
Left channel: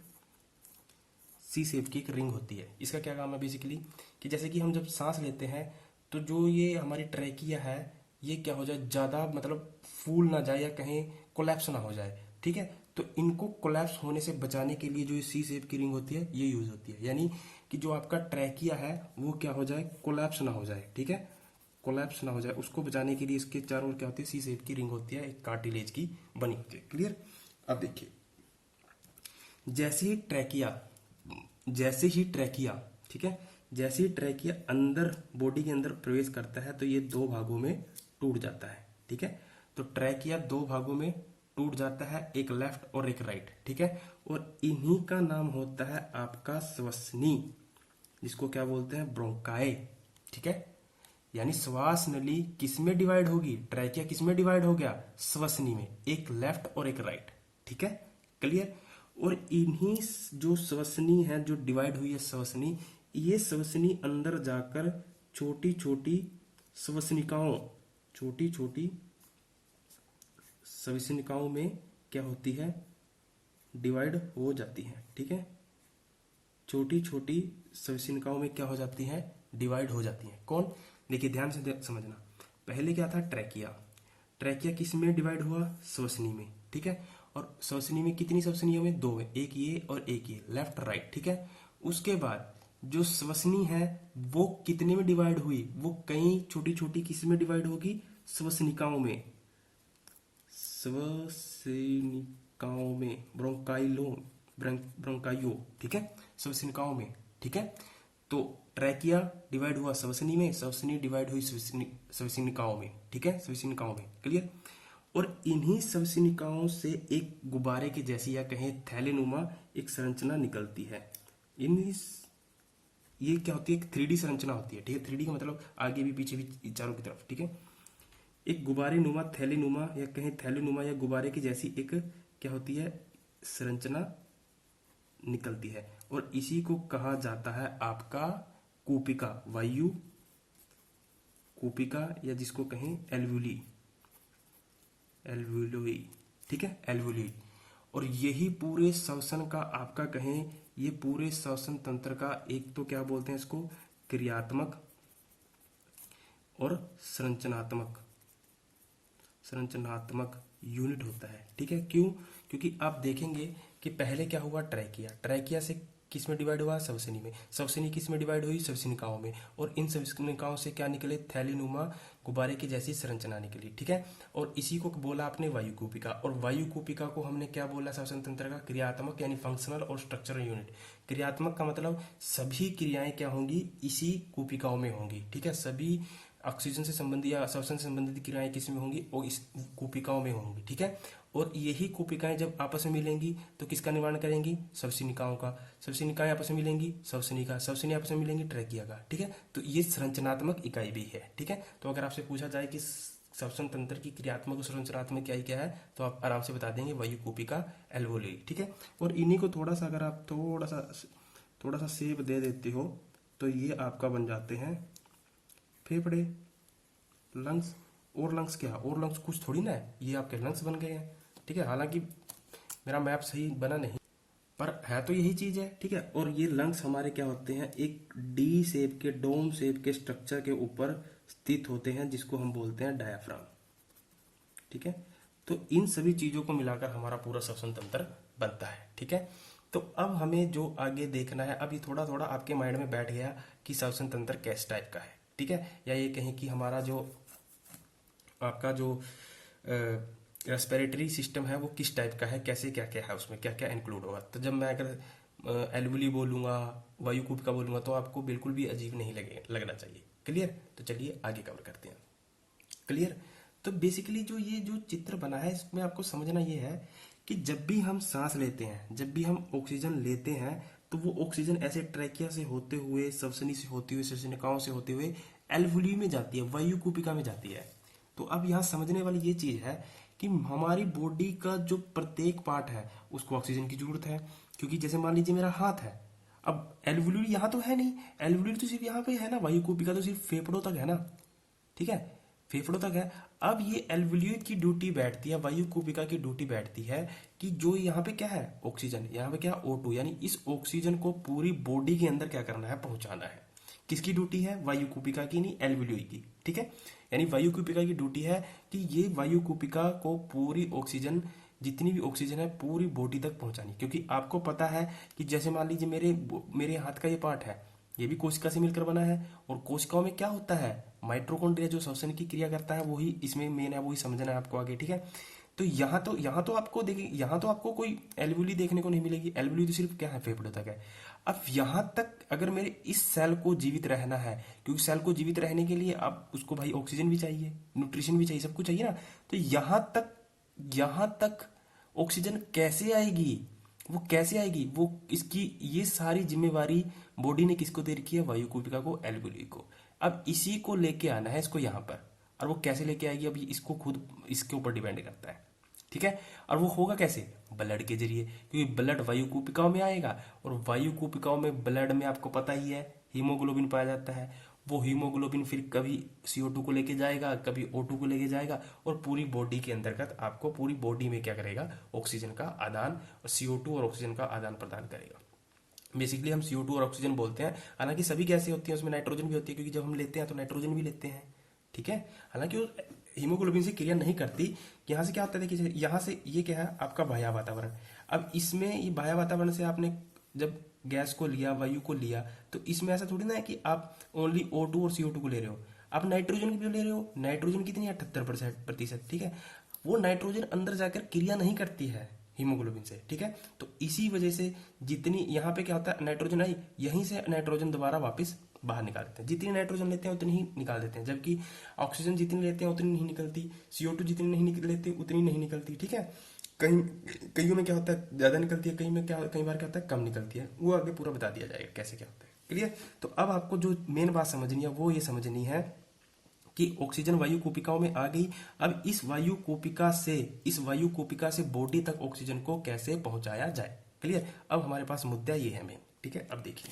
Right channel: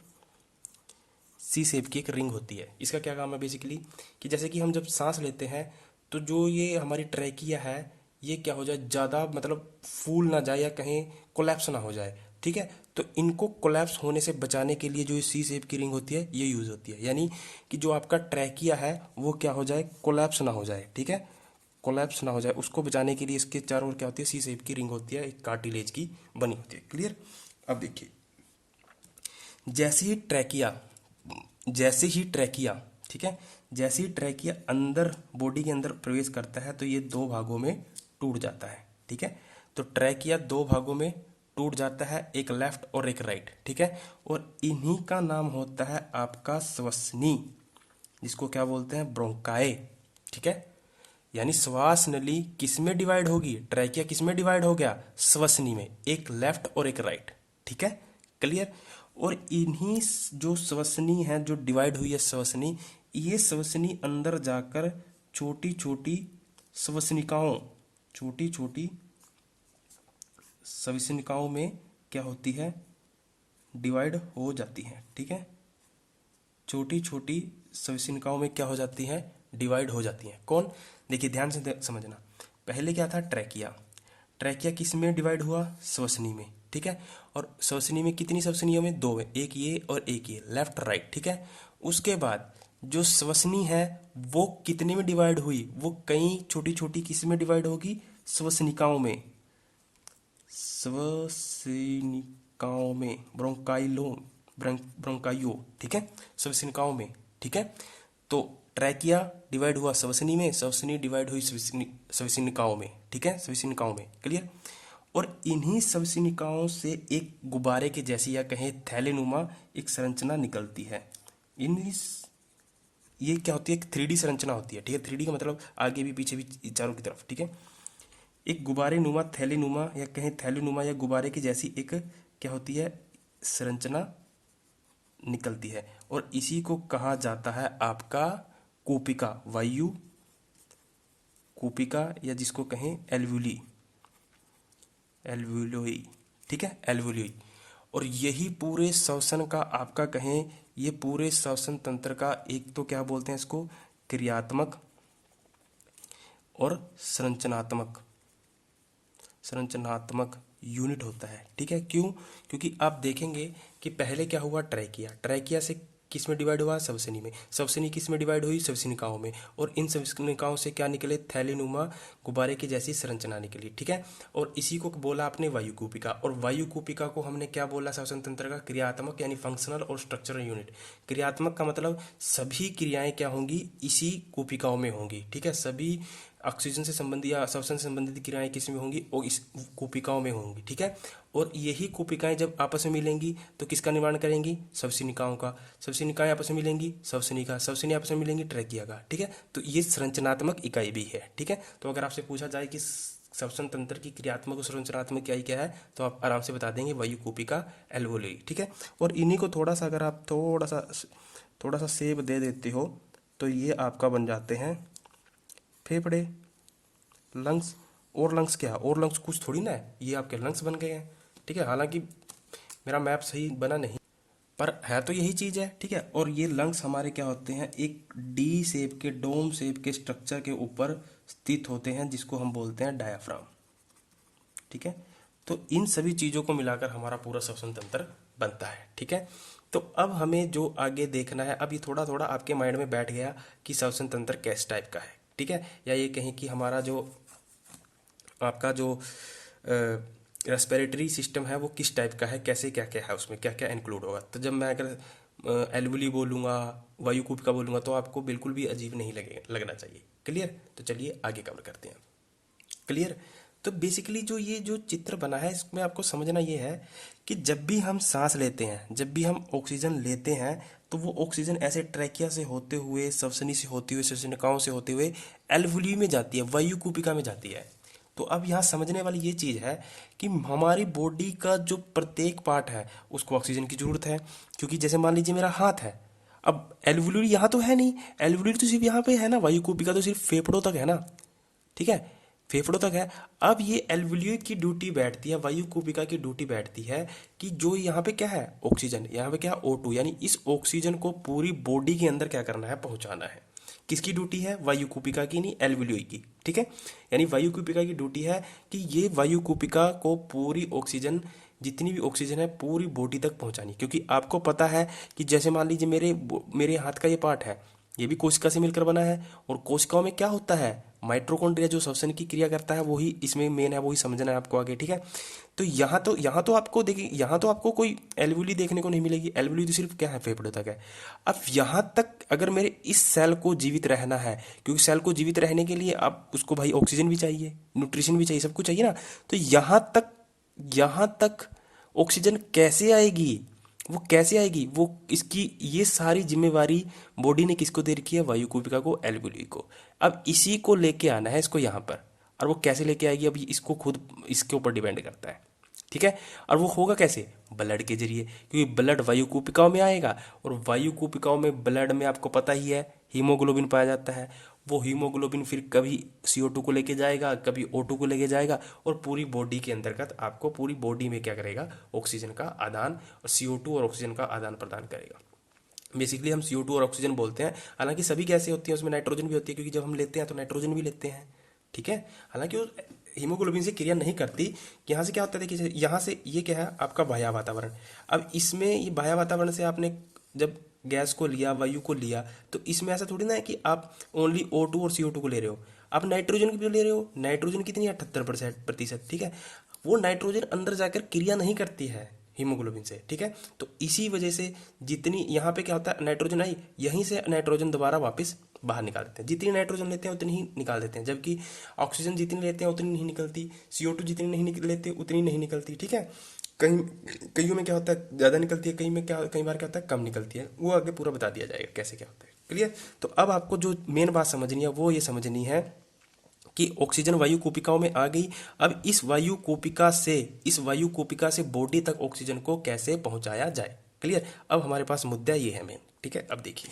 सी शेप की एक रिंग होती है। इसका क्या काम है बेसिकली, कि जैसे कि हम जब सांस लेते हैं, तो जो ये हमारी ट्रैकिया है, ये क्या हो जाए, ज़्यादा मतलब फूल ना जाए या कहीं कोलैप्स ना हो जाए, ठीक है। तो इनको कोलैप्स होने से बचाने के लिए जो सी शेप की रिंग होती है, ये यूज़ होती है। यानी कि जो आपका ट्रैकिया है वो क्या हो जाए, कोलैप्स ना हो जाए, ठीक है, कोलैप्स ना हो जाए, उसको बचाने के लिए इसके चारों ओर क्या होती है, सी शेप की रिंग होती है, एक कार्टिलेज की बनी होती है। क्लियर? अब देखिए, जैसे ही ट्रैकिया जैसे ही ट्रैकिया ठीक है, जैसे ही ट्रैकिया अंदर बॉडी के अंदर प्रवेश करता है, तो ये दो भागों में टूट जाता है, ठीक है। तो ट्रैकिया दो भागों में टूट जाता है, एक लेफ्ट और एक राइट, ठीक है। और इन्हीं का नाम होता है आपका श्वसनी, जिसको क्या बोलते हैं, ब्रोंकाई, ठीक है। यानी श्वास नली किस में डिवाइड होगी, ट्रैकिया किस में डिवाइड हो गया, श्वसनी में, एक लेफ्ट और एक राइट, ठीक है। क्लियर? और इन्हीं जो श्वसनी है, जो डिवाइड हुई है श्वसनी, ये श्वसनी अंदर जाकर छोटी छोटी श्वसनिकाओं छोटी छोटी श्वसनिकाओं में क्या होती है, डिवाइड हो जाती है, ठीक है। छोटी छोटी श्वसनिकाओं में क्या हो जाती है, डिवाइड हो जाती हैं। कौन? देखिए ध्यान से समझना। पहले क्या था, ट्रैकिया। ट्रैकिया किस में डिवाइड हुआ, श्वसनी में, ठीक है। और श्वसनी में कितनी श्वसनियों में, दो है, एक ये और एक ये, लेफ्ट राइट, ठीक है। उसके बाद जो श्वसनी है वो कितने में डिवाइड हुई, वो कई छोटी छोटी किस में डिवाइड होगी, श्वसनिकाओं में, श्वसनिकाओं में, ब्रोंकाइयो, ठीक है, श्वसनिकाओं में, ठीक है। तो ट्रैकिया डिवाइड हुआ श्वसनी में, श्वसनी डिवाइड हुई श्वसनिकाओं में, ठीक है, श्वसनिकाओं में। क्लियर? और इन्हीं श्वसनिकाओं से एक गुब्बारे के जैसी या कहें थैलेनुमा एक संरचना निकलती है। इन ये क्या होती है, एक 3D संरचना होती है, ठीक है। 3D का मतलब आगे भी पीछे भी चारों की तरफ, ठीक है। एक गुब्बारे नुमा, थैलीनुमा या कहें थैलीनुमा या गुब्बारे की जैसी एक क्या होती है, संरचना निकलती है, और इसी को कहा जाता है आपका कूपिका, वायु कूपिका, या जिसको कहें एल्वुली, एल्वुलोई, ठीक है, एल्वुलोई। और यही पूरे श्वसन का आपका कहें, ये पूरे श्वसन तंत्र का एक तो क्या बोलते हैं इसको, क्रियात्मक और संरचनात्मक यूनिट होता है, ठीक है। क्यों? क्योंकि आप देखेंगे कि पहले क्या हुआ, ट्रैकिया, ट्रैकिया से किस में डिवाइड हुआ, श्वसनी में, श्वसनी किस में डिवाइड हुई, श्वसनिकाओं में, और इन श्वसनिकाओं से क्या निकले, थैलीनुमा गुब्बारे की जैसी संरचना निकली, ठीक है। और इसी को बोला आपने वायुकूपिका, और वायुकूपिका को हमने क्या बोला, श्वसन तंत्र का क्रियात्मक यानी फंक्शनल और स्ट्रक्चरल यूनिट। क्रियात्मक का मतलब सभी क्रियाएं क्या होंगी, इसी कूपिकाओं में होंगी, ठीक है। सभी ऑक्सीजन से संबंधित या श्वसन से संबंधित क्रियाएं किस में होंगी, वो इस कूपिकाओं में होंगी, ठीक है। और यही कूपिकाएं जब आपस में मिलेंगी तो किसका निर्माण करेंगी, श्वसनिकाओं का, श्वसनिकाएं आपस में मिलेंगी, श्वसनी का, श्वसनी आपस में मिलेंगी, ट्रैकिया का, ठीक है। तो ये संरचनात्मक इकाई भी है, ठीक है। तो अगर आपसे पूछा जाए कि श्वसन तंत्र की क्रियात्मक और संरचनात्मक इकाई क्या है, तो आप आराम से बता देंगे वायुकूपिका, एल्वोली, ठीक है। और इन्हीं को थोड़ा सा अगर आप थोड़ा सा सेब दे देते हो, तो ये आपका बन जाते हैं फेफड़े, लंग्स, और लंग्स क्या है, और लंग्स कुछ थोड़ी ना है, ये आपके लंग्स बन गए हैं, ठीक है। हालांकि मेरा मैप सही बना नहीं, पर है तो यही चीज़ है, ठीक है। और ये लंग्स हमारे क्या होते हैं, एक डी शेप के, डोम शेप के स्ट्रक्चर के ऊपर स्थित होते हैं, जिसको हम बोलते हैं डायाफ्राम, ठीक है। तो इन सभी चीज़ों को मिलाकर हमारा पूरा श्वसन तंत्र बनता है, ठीक है। तो अब हमें जो आगे देखना है, अब ये थोड़ा थोड़ा आपके माइंड में बैठ गया कि श्वसन तंत्र किस टाइप का है, ठीक है। या ये कहें कि हमारा जो आपका जो रेस्पिरेटरी सिस्टम है वो किस टाइप का है, कैसे क्या क्या है, उसमें क्या क्या इंक्लूड होगा। तो जब मैं अगर एल्वुली बोलूँगा, वायुकुपिका बोलूँगा, तो आपको बिल्कुल भी अजीब नहीं लगना चाहिए। क्लियर। तो चलिए आगे कवर करते हैं। क्लियर। तो बेसिकली जो ये जो चित्र बना है, इसमें आपको समझना ये है कि जब भी हम सांस लेते हैं, जब भी हम ऑक्सीजन लेते हैं, तो वो ऑक्सीजन ऐसे ट्रैकिया से होते हुए, सवसनी से होते हुए, श्वसनिकाओं से होते हुए एल्वुली में जाती है, वायुकुपिका में जाती है। तो अब यहाँ समझने वाली ये चीज़ है कि हमारी बॉडी का जो प्रत्येक पार्ट है उसको ऑक्सीजन की जरूरत है। क्योंकि जैसे मान लीजिए मेरा हाथ है, अब एल्वुलरी यहाँ तो है नहीं, एल्वुलरी तो सिर्फ यहाँ पे है ना, वायुकुपिका तो सिर्फ फेफड़ों तक है ना, ठीक है, फेफड़ों तक है। अब ये एल्वुलियोई की ड्यूटी बैठती है, वायुकुपिका की ड्यूटी बैठती है कि जो यहाँ पे क्या है, ऑक्सीजन, यहाँ पे क्या है, O2, यानी इस ऑक्सीजन को पूरी बॉडी के अंदर क्या करना है, पहुंचाना है। किसकी ड्यूटी है, वायुकुपिका की, नहीं एल्वुलियोई की, ठीक है। यानी वायुकुपिका की ड्यूटी है कि ये वायुकुपिका को पूरी ऑक्सीजन, जितनी भी ऑक्सीजन है पूरी बॉडी तक पहुंचानी। क्योंकि आपको पता है कि जैसे मान लीजिए मेरे मेरे हाथ का ये पार्ट है, ये भी कोशिका से मिलकर बना है, और कोशिकाओं में क्या होता है, माइटोकॉन्ड्रिया जो श्वसन की क्रिया करता है वही इसमें मेन है, वही समझना है आपको आगे, ठीक है। तो यहाँ तो आपको देखिए, यहाँ तो आपको कोई एल्वुली देखने को नहीं मिलेगी, एल्वुली तो सिर्फ क्या है, फेफड़े तक है। अब यहाँ तक अगर मेरे इस सेल को जीवित रहना है, क्योंकि सेल को जीवित रहने के लिए आप उसको भाई ऑक्सीजन भी चाहिए, न्यूट्रिशन भी चाहिए, सब कुछ चाहिए ना। तो यहाँ तक ऑक्सीजन कैसे आएगी, वो कैसे आएगी, वो इसकी ये सारी जिम्मेवारी बॉडी ने किसको दे रखी है, वायुकुपिका को, एल्वुली को। अब इसी को लेके आना है इसको यहाँ पर, और वो कैसे लेके आएगी, अब इसको खुद इसके ऊपर डिपेंड करता है, ठीक है। और वो होगा कैसे, ब्लड के जरिए, क्योंकि ब्लड वायुकुपिकाओं में आएगा, और वायुकुपिकाओं में ब्लड में आपको पता ही है हीमोग्लोबिन पाया जाता है। वो हीमोग्लोबिन फिर कभी CO2 को लेके जाएगा, कभी O2 को लेके जाएगा, और पूरी बॉडी के अंतर्गत आपको पूरी बॉडी में क्या करेगा, ऑक्सीजन का आदान, और CO2 और ऑक्सीजन का आदान प्रदान करेगा। बेसिकली हम CO2 और ऑक्सीजन बोलते हैं, हालांकि सभी गैसें होती हैं, उसमें नाइट्रोजन भी होती है, क्योंकि जब हम लेते हैं तो नाइट्रोजन भी लेते हैं, ठीक है। हालांकि वो हीमोग्लोबिन से क्रिया नहीं करती। यहाँ से क्या होता है, देखिए यहाँ से ये क्या है, आपका बाह्य वातावरण। अब इसमें ये बाह्य वातावरण से आपने जब गैस को लिया, वायु को लिया, तो इसमें ऐसा थोड़ी ना है कि आप ओनली O2 और CO2 को ले रहे हो, आप नाइट्रोजन भी ले रहे हो। नाइट्रोजन कितनी है, 78%, ठीक है। वो नाइट्रोजन अंदर जाकर क्रिया नहीं करती है हीमोग्लोबिन से, ठीक है। तो इसी वजह से जितनी यहाँ पे क्या होता है, नाइट्रोजन आई, यहीं से नाइट्रोजन दोबारा वापस बाहर निकाल देते हैं। जितनी नाइट्रोजन लेते हैं उतनी ही निकाल देते हैं, जबकि ऑक्सीजन जितनी लेते हैं उतनी नहीं निकलती, CO2 जितनी नहीं लेते उतनी नहीं निकलती, ठीक है। कहीं कईयों में क्या होता है, ज़्यादा निकलती है, कहीं में क्या, कई बार क्या होता है, कम निकलती है। वो आगे पूरा बता दिया जाएगा कैसे क्या होता है। क्लियर। तो अब आपको जो मेन बात समझनी है वो ये समझनी है कि ऑक्सीजन वायु कोशिकाओं में आ गई। अब इस वायु कोशिका से बॉडी तक ऑक्सीजन को कैसे पहुंचाया जाए। क्लियर। अब हमारे पास मुद्दा ये है मेन, ठीक है। अब देखिए,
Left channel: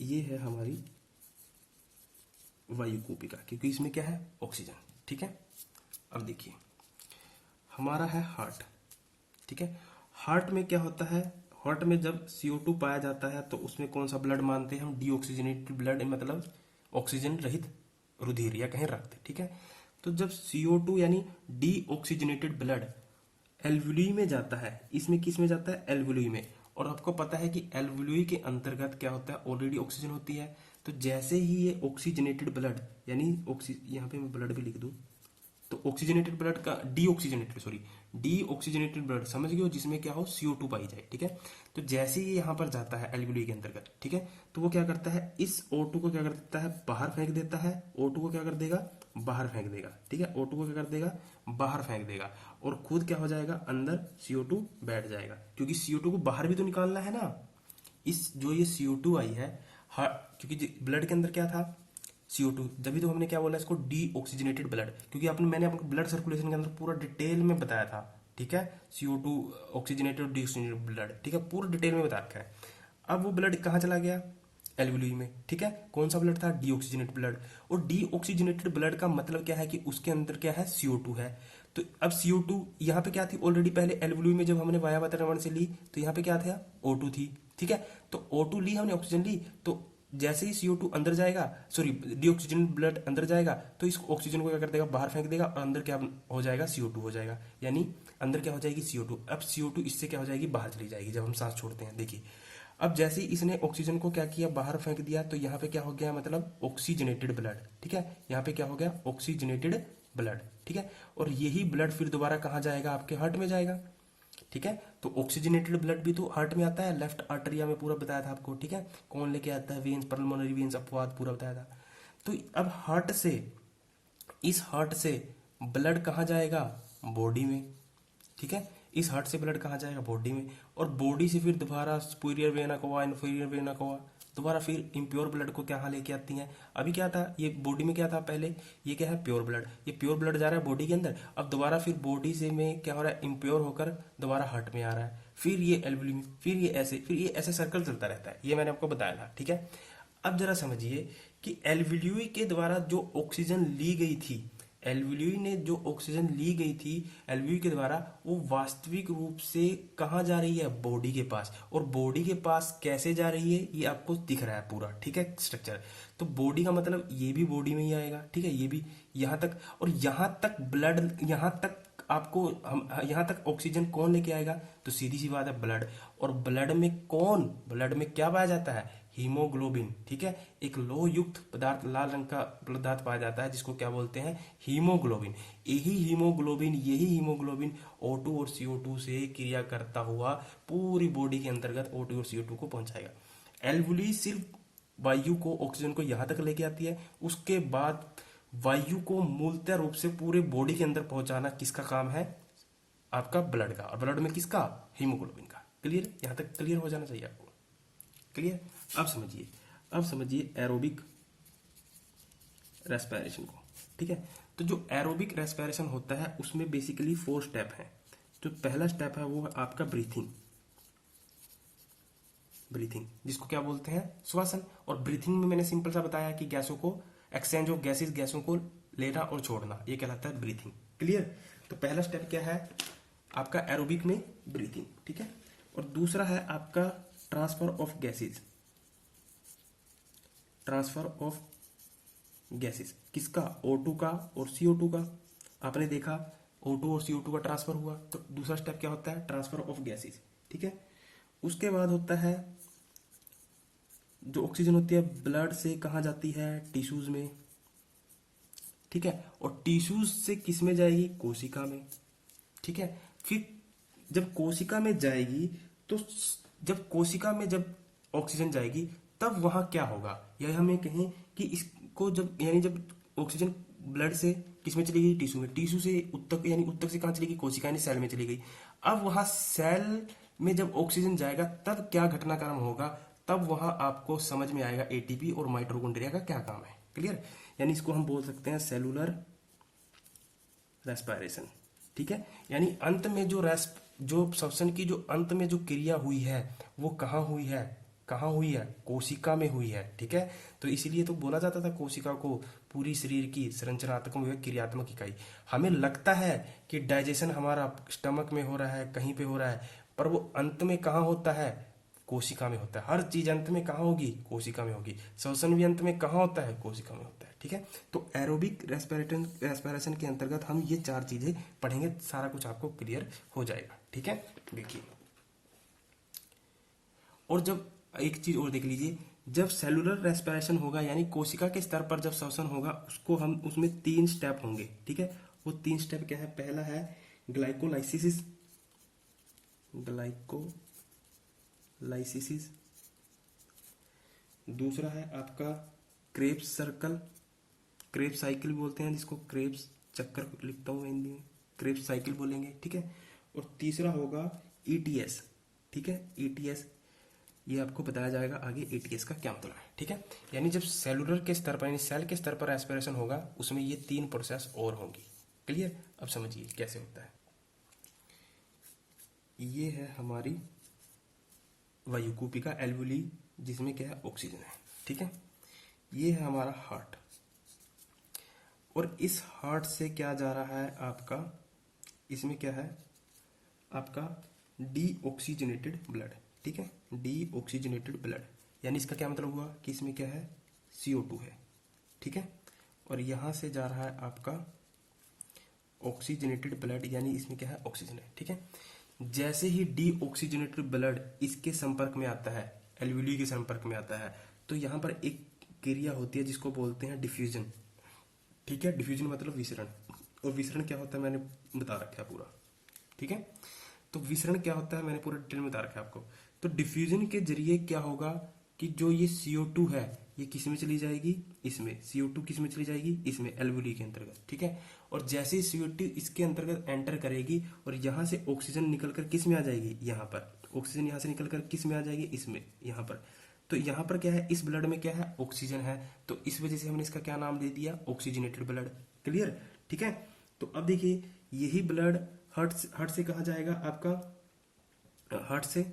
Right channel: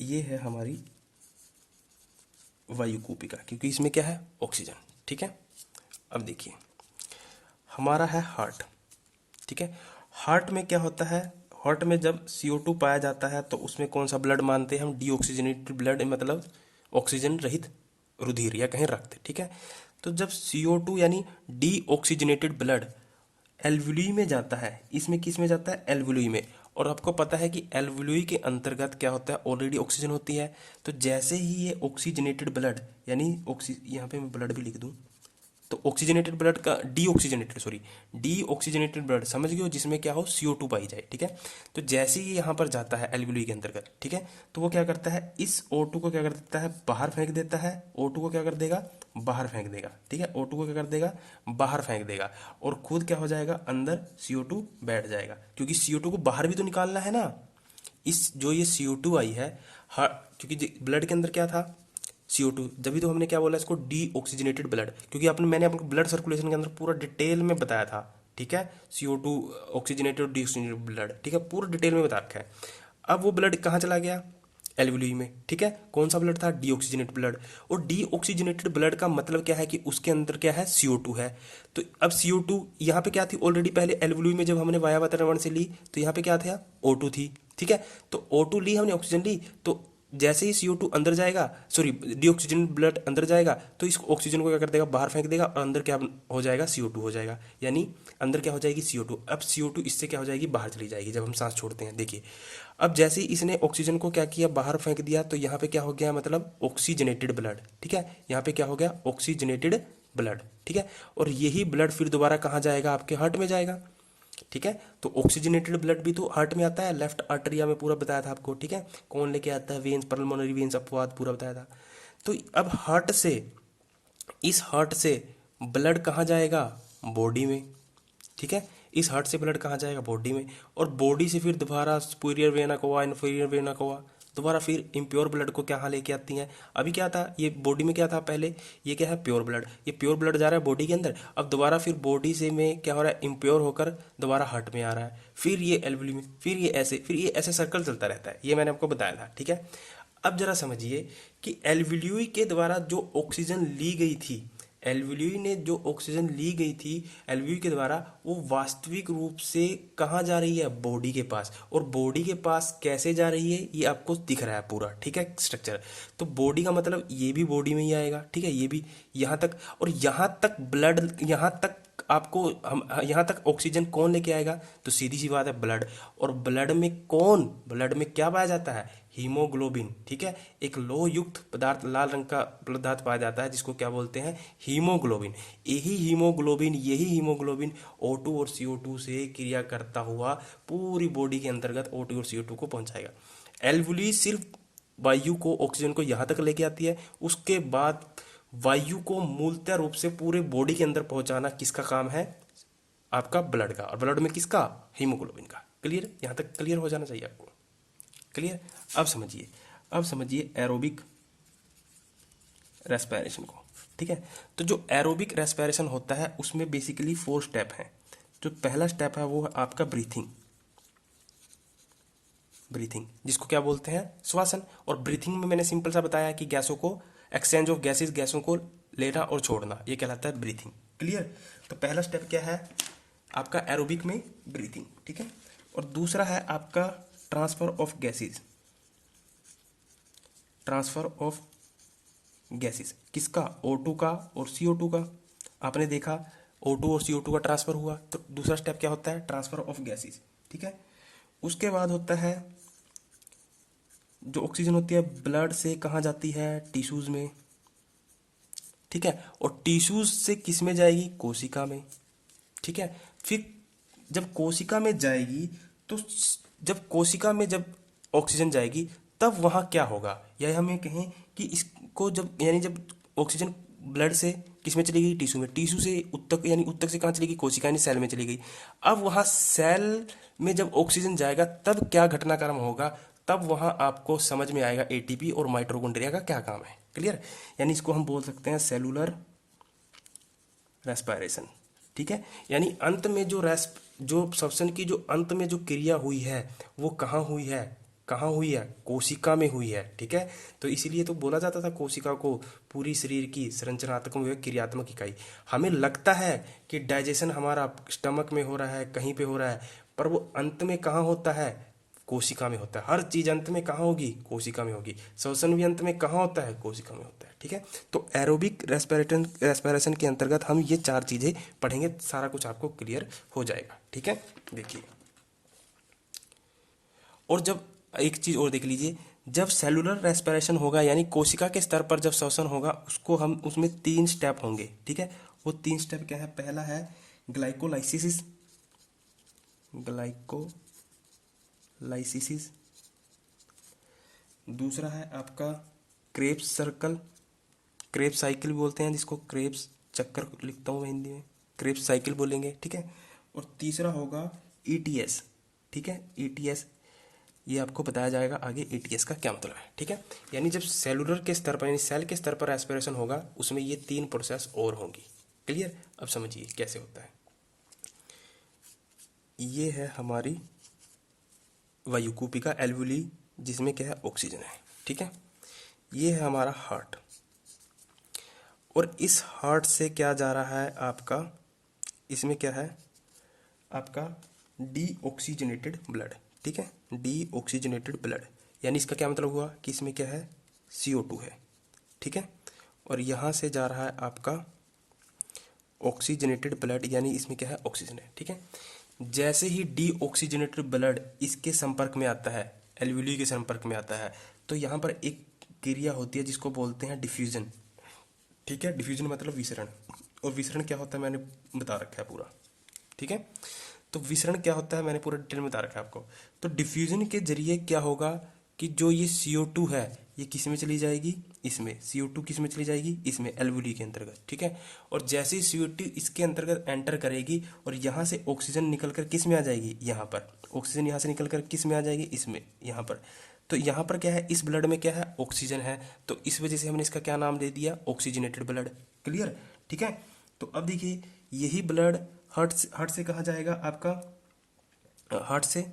ये है हमारी वायु कोशिका, क्योंकि इसमें क्या है, ऑक्सीजन, ठीक है। अब देखिए, हमारा है हार्ट, ठीक है। हार्ट में क्या होता है, हार्ट में जब CO2 पाया जाता है तो उसमें कौन सा ब्लड मानते हैं हम, डीऑक्सीजनेटेड ब्लड, मतलब ऑक्सीजन रहित रुधिर या कहीं रक्त, ठीक है। तो जब CO2 यानी डीऑक्सीजनेटेड ब्लड एल्वुली में जाता है, इसमें किस में जाता है, एल्वुली में। और आपको पता है कि एल्वुली के अंतर्गत क्या होता है, ऑलरेडी ऑक्सीजन होती है। तो जैसे ही ये ऑक्सीजनेटेड ब्लड, यानी यहाँ पे मैं ब्लड भी लिख दूँ, तो ऑक्सीजनेटेड ब्लड का डीऑक्सीजनेटेड ब्लड समझ गए हो, जिसमें क्या हो, CO2 पाई जाए, ठीक है। तो जैसे ही यहाँ पर जाता है एल्वुली के अंतर्गत, ठीक है, तो वो क्या करता है, इस O2 को क्या कर देता है, बाहर फेंक देता है। O2 को क्या कर देगा, बाहर फेंक देगा, ठीक है। O2 को क्या कर देगा, बाहर फेंक देगा, और खुद क्या हो जाएगा, अंदर CO2 बैठ जाएगा, क्योंकि CO2 को बाहर भी तो निकालना है ना। जो ये CO2 आई है, क्योंकि ब्लड के अंदर क्या था, CO2, जब तो हमने क्या बोला इसको, डीऑक्सीजनेटेड ब्लड, क्योंकि मैंने आपको ब्लड सर्कुलेशन के अंदर पूरा डिटेल में बताया था, ठीक है, CO2 ऑक्सीजनेटेड और डीऑक्सीजनेटेड ब्लड, ठीक है, पूरा डिटेल में बता रखा है। अब वो ब्लड कहाँ चला गया, एल्वुली में, ठीक है। कौन सा ब्लड था, डीऑक्सीजनेटेड ब्लड। और डीऑक्सीजनेटेड ब्लड का मतलब क्या है कि उसके अंदर क्या है, CO2 है। तो अब CO2 यहाँ पे क्या थी ऑलरेडी, पहले एल्वुली में जब हमने वाया वातावरण से ली तो यहाँ पे क्या था, O2 थी, ठीक है। तो O2 ली हमने, ऑक्सीजन ली, तो जैसे ही CO2 अंदर जाएगा, सॉरी डीऑक्सीजन ब्लड अंदर जाएगा तो इस ऑक्सीजन को क्या कर देगा, बाहर फेंक देगा, और अंदर क्या हो जाएगा, CO2 हो जाएगा। यानी अंदर क्या हो जाएगी, CO2। अब CO2 इससे क्या हो जाएगी, बाहर चली जाएगी जब हम सांस छोड़ते हैं। देखिए अब जैसे ही इसने ऑक्सीजन को क्या किया, बाहर फेंक दिया, तो यहाँ पे क्या हो गया, मतलब ऑक्सीजनेटेड ब्लड, ठीक है। यहाँ पे क्या हो गया, ऑक्सीजनेटेड ब्लड, ठीक है। और यही ब्लड फिर दोबारा कहाँ जाएगा, आपके हार्ट में जाएगा, ठीक है। तो ऑक्सीजनेटेड ब्लड भी तो हार्ट में आता है, लेफ्ट आर्टरिया में पूरा बताया था आपको, ठीक है। कौन लेके आता है, वेन्स, पल्मोनरी वेन्स, अपवाद पूरा बताया था। तो अब हार्ट से, इस हार्ट से ब्लड कहाँ जाएगा, बॉडी में, ठीक है। इस हार्ट से ब्लड कहाँ जाएगा, बॉडी में। और बॉडी से फिर दोबारा superior vena cava, inferior vena cava, दोबारा फिर इम्प्योर ब्लड को क्या लेके आती हैं। अभी क्या था, ये बॉडी में क्या था पहले, ये क्या है, प्योर ब्लड। ये प्योर ब्लड जा रहा है बॉडी के अंदर, अब दोबारा फिर बॉडी से में क्या हो रहा है, इम्प्योर होकर दोबारा हार्ट में आ रहा है, फिर ये एल्वुली में, फिर ये ऐसे सर्कल चलता रहता है। ये मैंने आपको बताया था, ठीक है। अब जरा समझिए कि एल्वुली के द्वारा जो ऑक्सीजन ली गई थी, एल्वुली ने जो ऑक्सीजन ली गई थी एल्वुली के द्वारा, वो वास्तविक रूप से कहाँ जा रही है, बॉडी के पास। और बॉडी के पास कैसे जा रही है, ये आपको दिख रहा है पूरा, ठीक है, स्ट्रक्चर। तो बॉडी का मतलब ये भी बॉडी में ही आएगा, ठीक है, ये भी यहाँ तक। और यहाँ तक ब्लड, यहाँ तक आपको हम यहाँ तक ऑक्सीजन कौन लेके आएगा, तो सीधी सी बात है, ब्लड। और ब्लड में क्या पाया जाता है, हीमोग्लोबिन, ठीक है। एक लोह युक्त पदार्थ, लाल रंग का पदार्थ पाया जाता है जिसको क्या बोलते हैं, हीमोग्लोबिन। यही हीमोग्लोबिन O2 और CO2 से क्रिया करता हुआ पूरी बॉडी के अंतर्गत O2 और CO2 को पहुंचाएगा। एल्वुली सिर्फ वायु को, ऑक्सीजन को यहाँ तक लेके आती है, उसके बाद वायु को मूलतः रूप से पूरे बॉडी के अंदर पहुंचाना किसका काम है, आपका ब्लड का। और ब्लड में किसका, हीमोग्लोबिन का। क्लियर, यहाँ तक क्लियर हो जाना चाहिए आपको, क्लियर। अब समझिए एरोबिक रेस्पिरेशन को, ठीक है। तो जो एरोबिक रेस्पिरेशन होता है उसमें बेसिकली 4 स्टेप हैं। जो पहला स्टेप है वो है आपका ब्रीथिंग, जिसको क्या बोलते हैं, श्वासन। और ब्रीथिंग में मैंने सिंपल सा बताया कि गैसों को, एक्सचेंज ऑफ गैसेस, गैसों को लेना और छोड़ना, ये कहलाता है ब्रीथिंग। क्लियर। तो पहला स्टेप क्या है आपका एरोबिक में, ब्रीथिंग, ठीक है। और दूसरा है आपका ट्रांसफर ऑफ गैसेस, किसका, O2 का और CO2 का। आपने देखा O2 और CO2 का ट्रांसफर हुआ, तो दूसरा स्टेप क्या होता है, ट्रांसफर ऑफ गैसेस, ठीक है। उसके बाद होता है जो ऑक्सीजन होती है ब्लड से कहाँ जाती है, टिश्यूज में, ठीक है। और टिश्यूज से किस में जाएगी, कोशिका में, ठीक है। फिर जब कोशिका में जाएगी, तो जब कोशिका में जब ऑक्सीजन जाएगी तब वहाँ क्या होगा, या हमें कहें कि इसको जब, यानी जब ऑक्सीजन ब्लड से किस में चली गई, टिश्यू में, टिश्यू से उत्तक, यानी उत्तक से कहाँ चली गई, कोशिका यानी सेल में चली गई। अब वहाँ सेल में जब ऑक्सीजन जाएगा तब क्या घटनाक्रम होगा, तब वहाँ आपको समझ में आएगा ATP और माइटोकॉन्ड्रिया का क्या काम है। क्लियर। यानी इसको हम बोल सकते हैं सेलुलर रेस्पिरेशन, ठीक है। यानी अंत में जो श्वसन की जो अंत में जो क्रिया हुई है वो कहाँ हुई है, कोशिका में हुई है, ठीक है। तो इसीलिए तो बोला जाता था कोशिका को पूरी शरीर की संरचनात्मक व क्रियात्मक इकाई। हमें लगता है कि डाइजेशन हमारा स्टमक में हो रहा है, कहीं पे हो रहा है, पर वो अंत में कहाँ होता है, कोशिका में होता है। हर चीज अंत में कहाँ होगी, कोशिका में होगी। श्वसन भी अंत में कहाँ होता है, कोशिका में होता है, ठीक है। तो एरोबिक रेस्पिरेशन के अंतर्गत हम ये 4 चीजें पढ़ेंगे, सारा कुछ आपको क्लियर हो जाएगा, ठीक है। देखिए, और जब एक चीज और देख लीजिए, जब सेलुलर रेस्पिरेशन होगा यानी कोशिका के स्तर पर जब श्वसन होगा, उसको हम, उसमें 3 स्टेप होंगे, ठीक है। वो 3 स्टेप क्या है, पहला है ग्लाइकोलाइसिस, दूसरा है आपका क्रेब्स साइकिल बोलते हैं जिसको, क्रेब्स चक्कर लिखता हूँ मैं हिंदी में, क्रेब्स साइकिल बोलेंगे, ठीक है। और तीसरा होगा ETS, ठीक है। ETS ये आपको बताया जाएगा आगे, ETS का क्या मतलब है, ठीक है। यानी जब सेलुलर के स्तर पर, यानी सेल के स्तर पर रेस्पिरेशन होगा, उसमें ये 3 प्रोसेस और होंगी। क्लियर। अब समझिए कैसे होता है। ये है हमारी वायुकूपिका एल्वुली, जिसमें क्या है ऑक्सीजन है, ठीक है। ये है हमारा हार्ट, और इस हार्ट से क्या जा रहा है आपका, इसमें क्या है आपका डीऑक्सीजनेटेड ब्लड, ठीक है, डीऑक्सीजनेटेड ब्लड, यानी इसका क्या मतलब हुआ कि इसमें क्या है CO2 है, ठीक है। और यहाँ से जा रहा है आपका ऑक्सीजनेटेड ब्लड, यानी इसमें क्या है ऑक्सीजन है, ठीक है। जैसे ही डीऑक्सीजनेटेड ब्लड इसके संपर्क में आता है, एल्वुली के संपर्क में आता है, तो यहाँ पर एक क्रिया होती है जिसको बोलते हैं डिफ्यूजन, ठीक है। डिफ्यूजन मतलब विसरण, और विसरण क्या होता है मैंने बता रखा है पूरा, ठीक है। तो विसरण क्या होता है मैंने पूरा डिटेल में बता रखा है आपको। तो डिफ्यूजन के जरिए क्या होगा कि जो ये CO2 है ये किस में चली जाएगी, इसमें CO2 किस में चली जाएगी, इसमें एल्वुली के अंतर्गत, ठीक है। और जैसे ही CO2 इसके अंतर्गत एंटर करेगी और यहाँ से ऑक्सीजन निकल कर किस में आ जाएगी, यहाँ पर ऑक्सीजन यहाँ से निकल कर किस में आ जाएगी, इसमें, यहाँ पर। तो यहाँ पर क्या है, इस ब्लड में क्या है ऑक्सीजन है, तो इस वजह से हमने इसका क्या नाम दे दिया ऑक्सीजनेटेड ब्लड, क्लियर, ठीक है। तो अब देखिए यही ब्लड हार्ट से कहाँ जाएगा आपका, हार्ट से,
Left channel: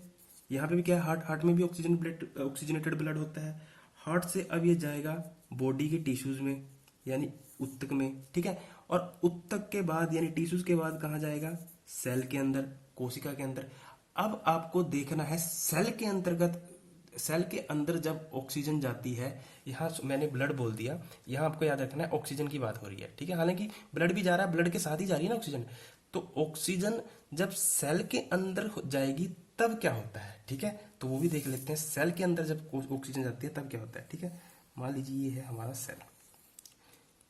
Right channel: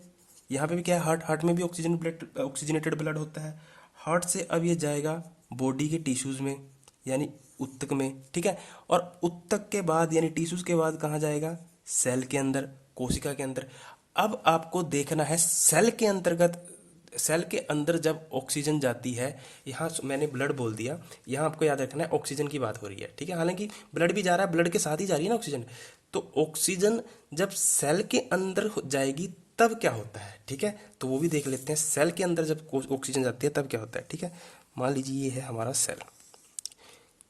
यहाँ पे भी क्या है हार्ट में भी ऑक्सीजनेटेड ब्लड होता है। हार्ट से अब ये जाएगा बॉडी के टिश्यूज में, यानी ऊतक में, ठीक है। और ऊतक के बाद यानी टिश्यूज के बाद कहाँ जाएगा, सेल के अंदर, कोशिका के अंदर। अब आपको देखना है सेल के अंतर्गत, सेल के अंदर जब ऑक्सीजन जाती है, यहाँ मैंने ब्लड बोल दिया, यहाँ आपको याद रखना है ऑक्सीजन की बात हो रही है, ठीक है। हालांकि ब्लड भी जा रहा है, ब्लड के साथ ही जा रही है ना ऑक्सीजन। तो ऑक्सीजन जब सेल के अंदर जाएगी तब क्या होता है, ठीक है। तो वो भी देख लेते हैं, सेल के अंदर जब ऑक्सीजन जाती है तब क्या होता है, ठीक है। मान लीजिए ये है हमारा सेल,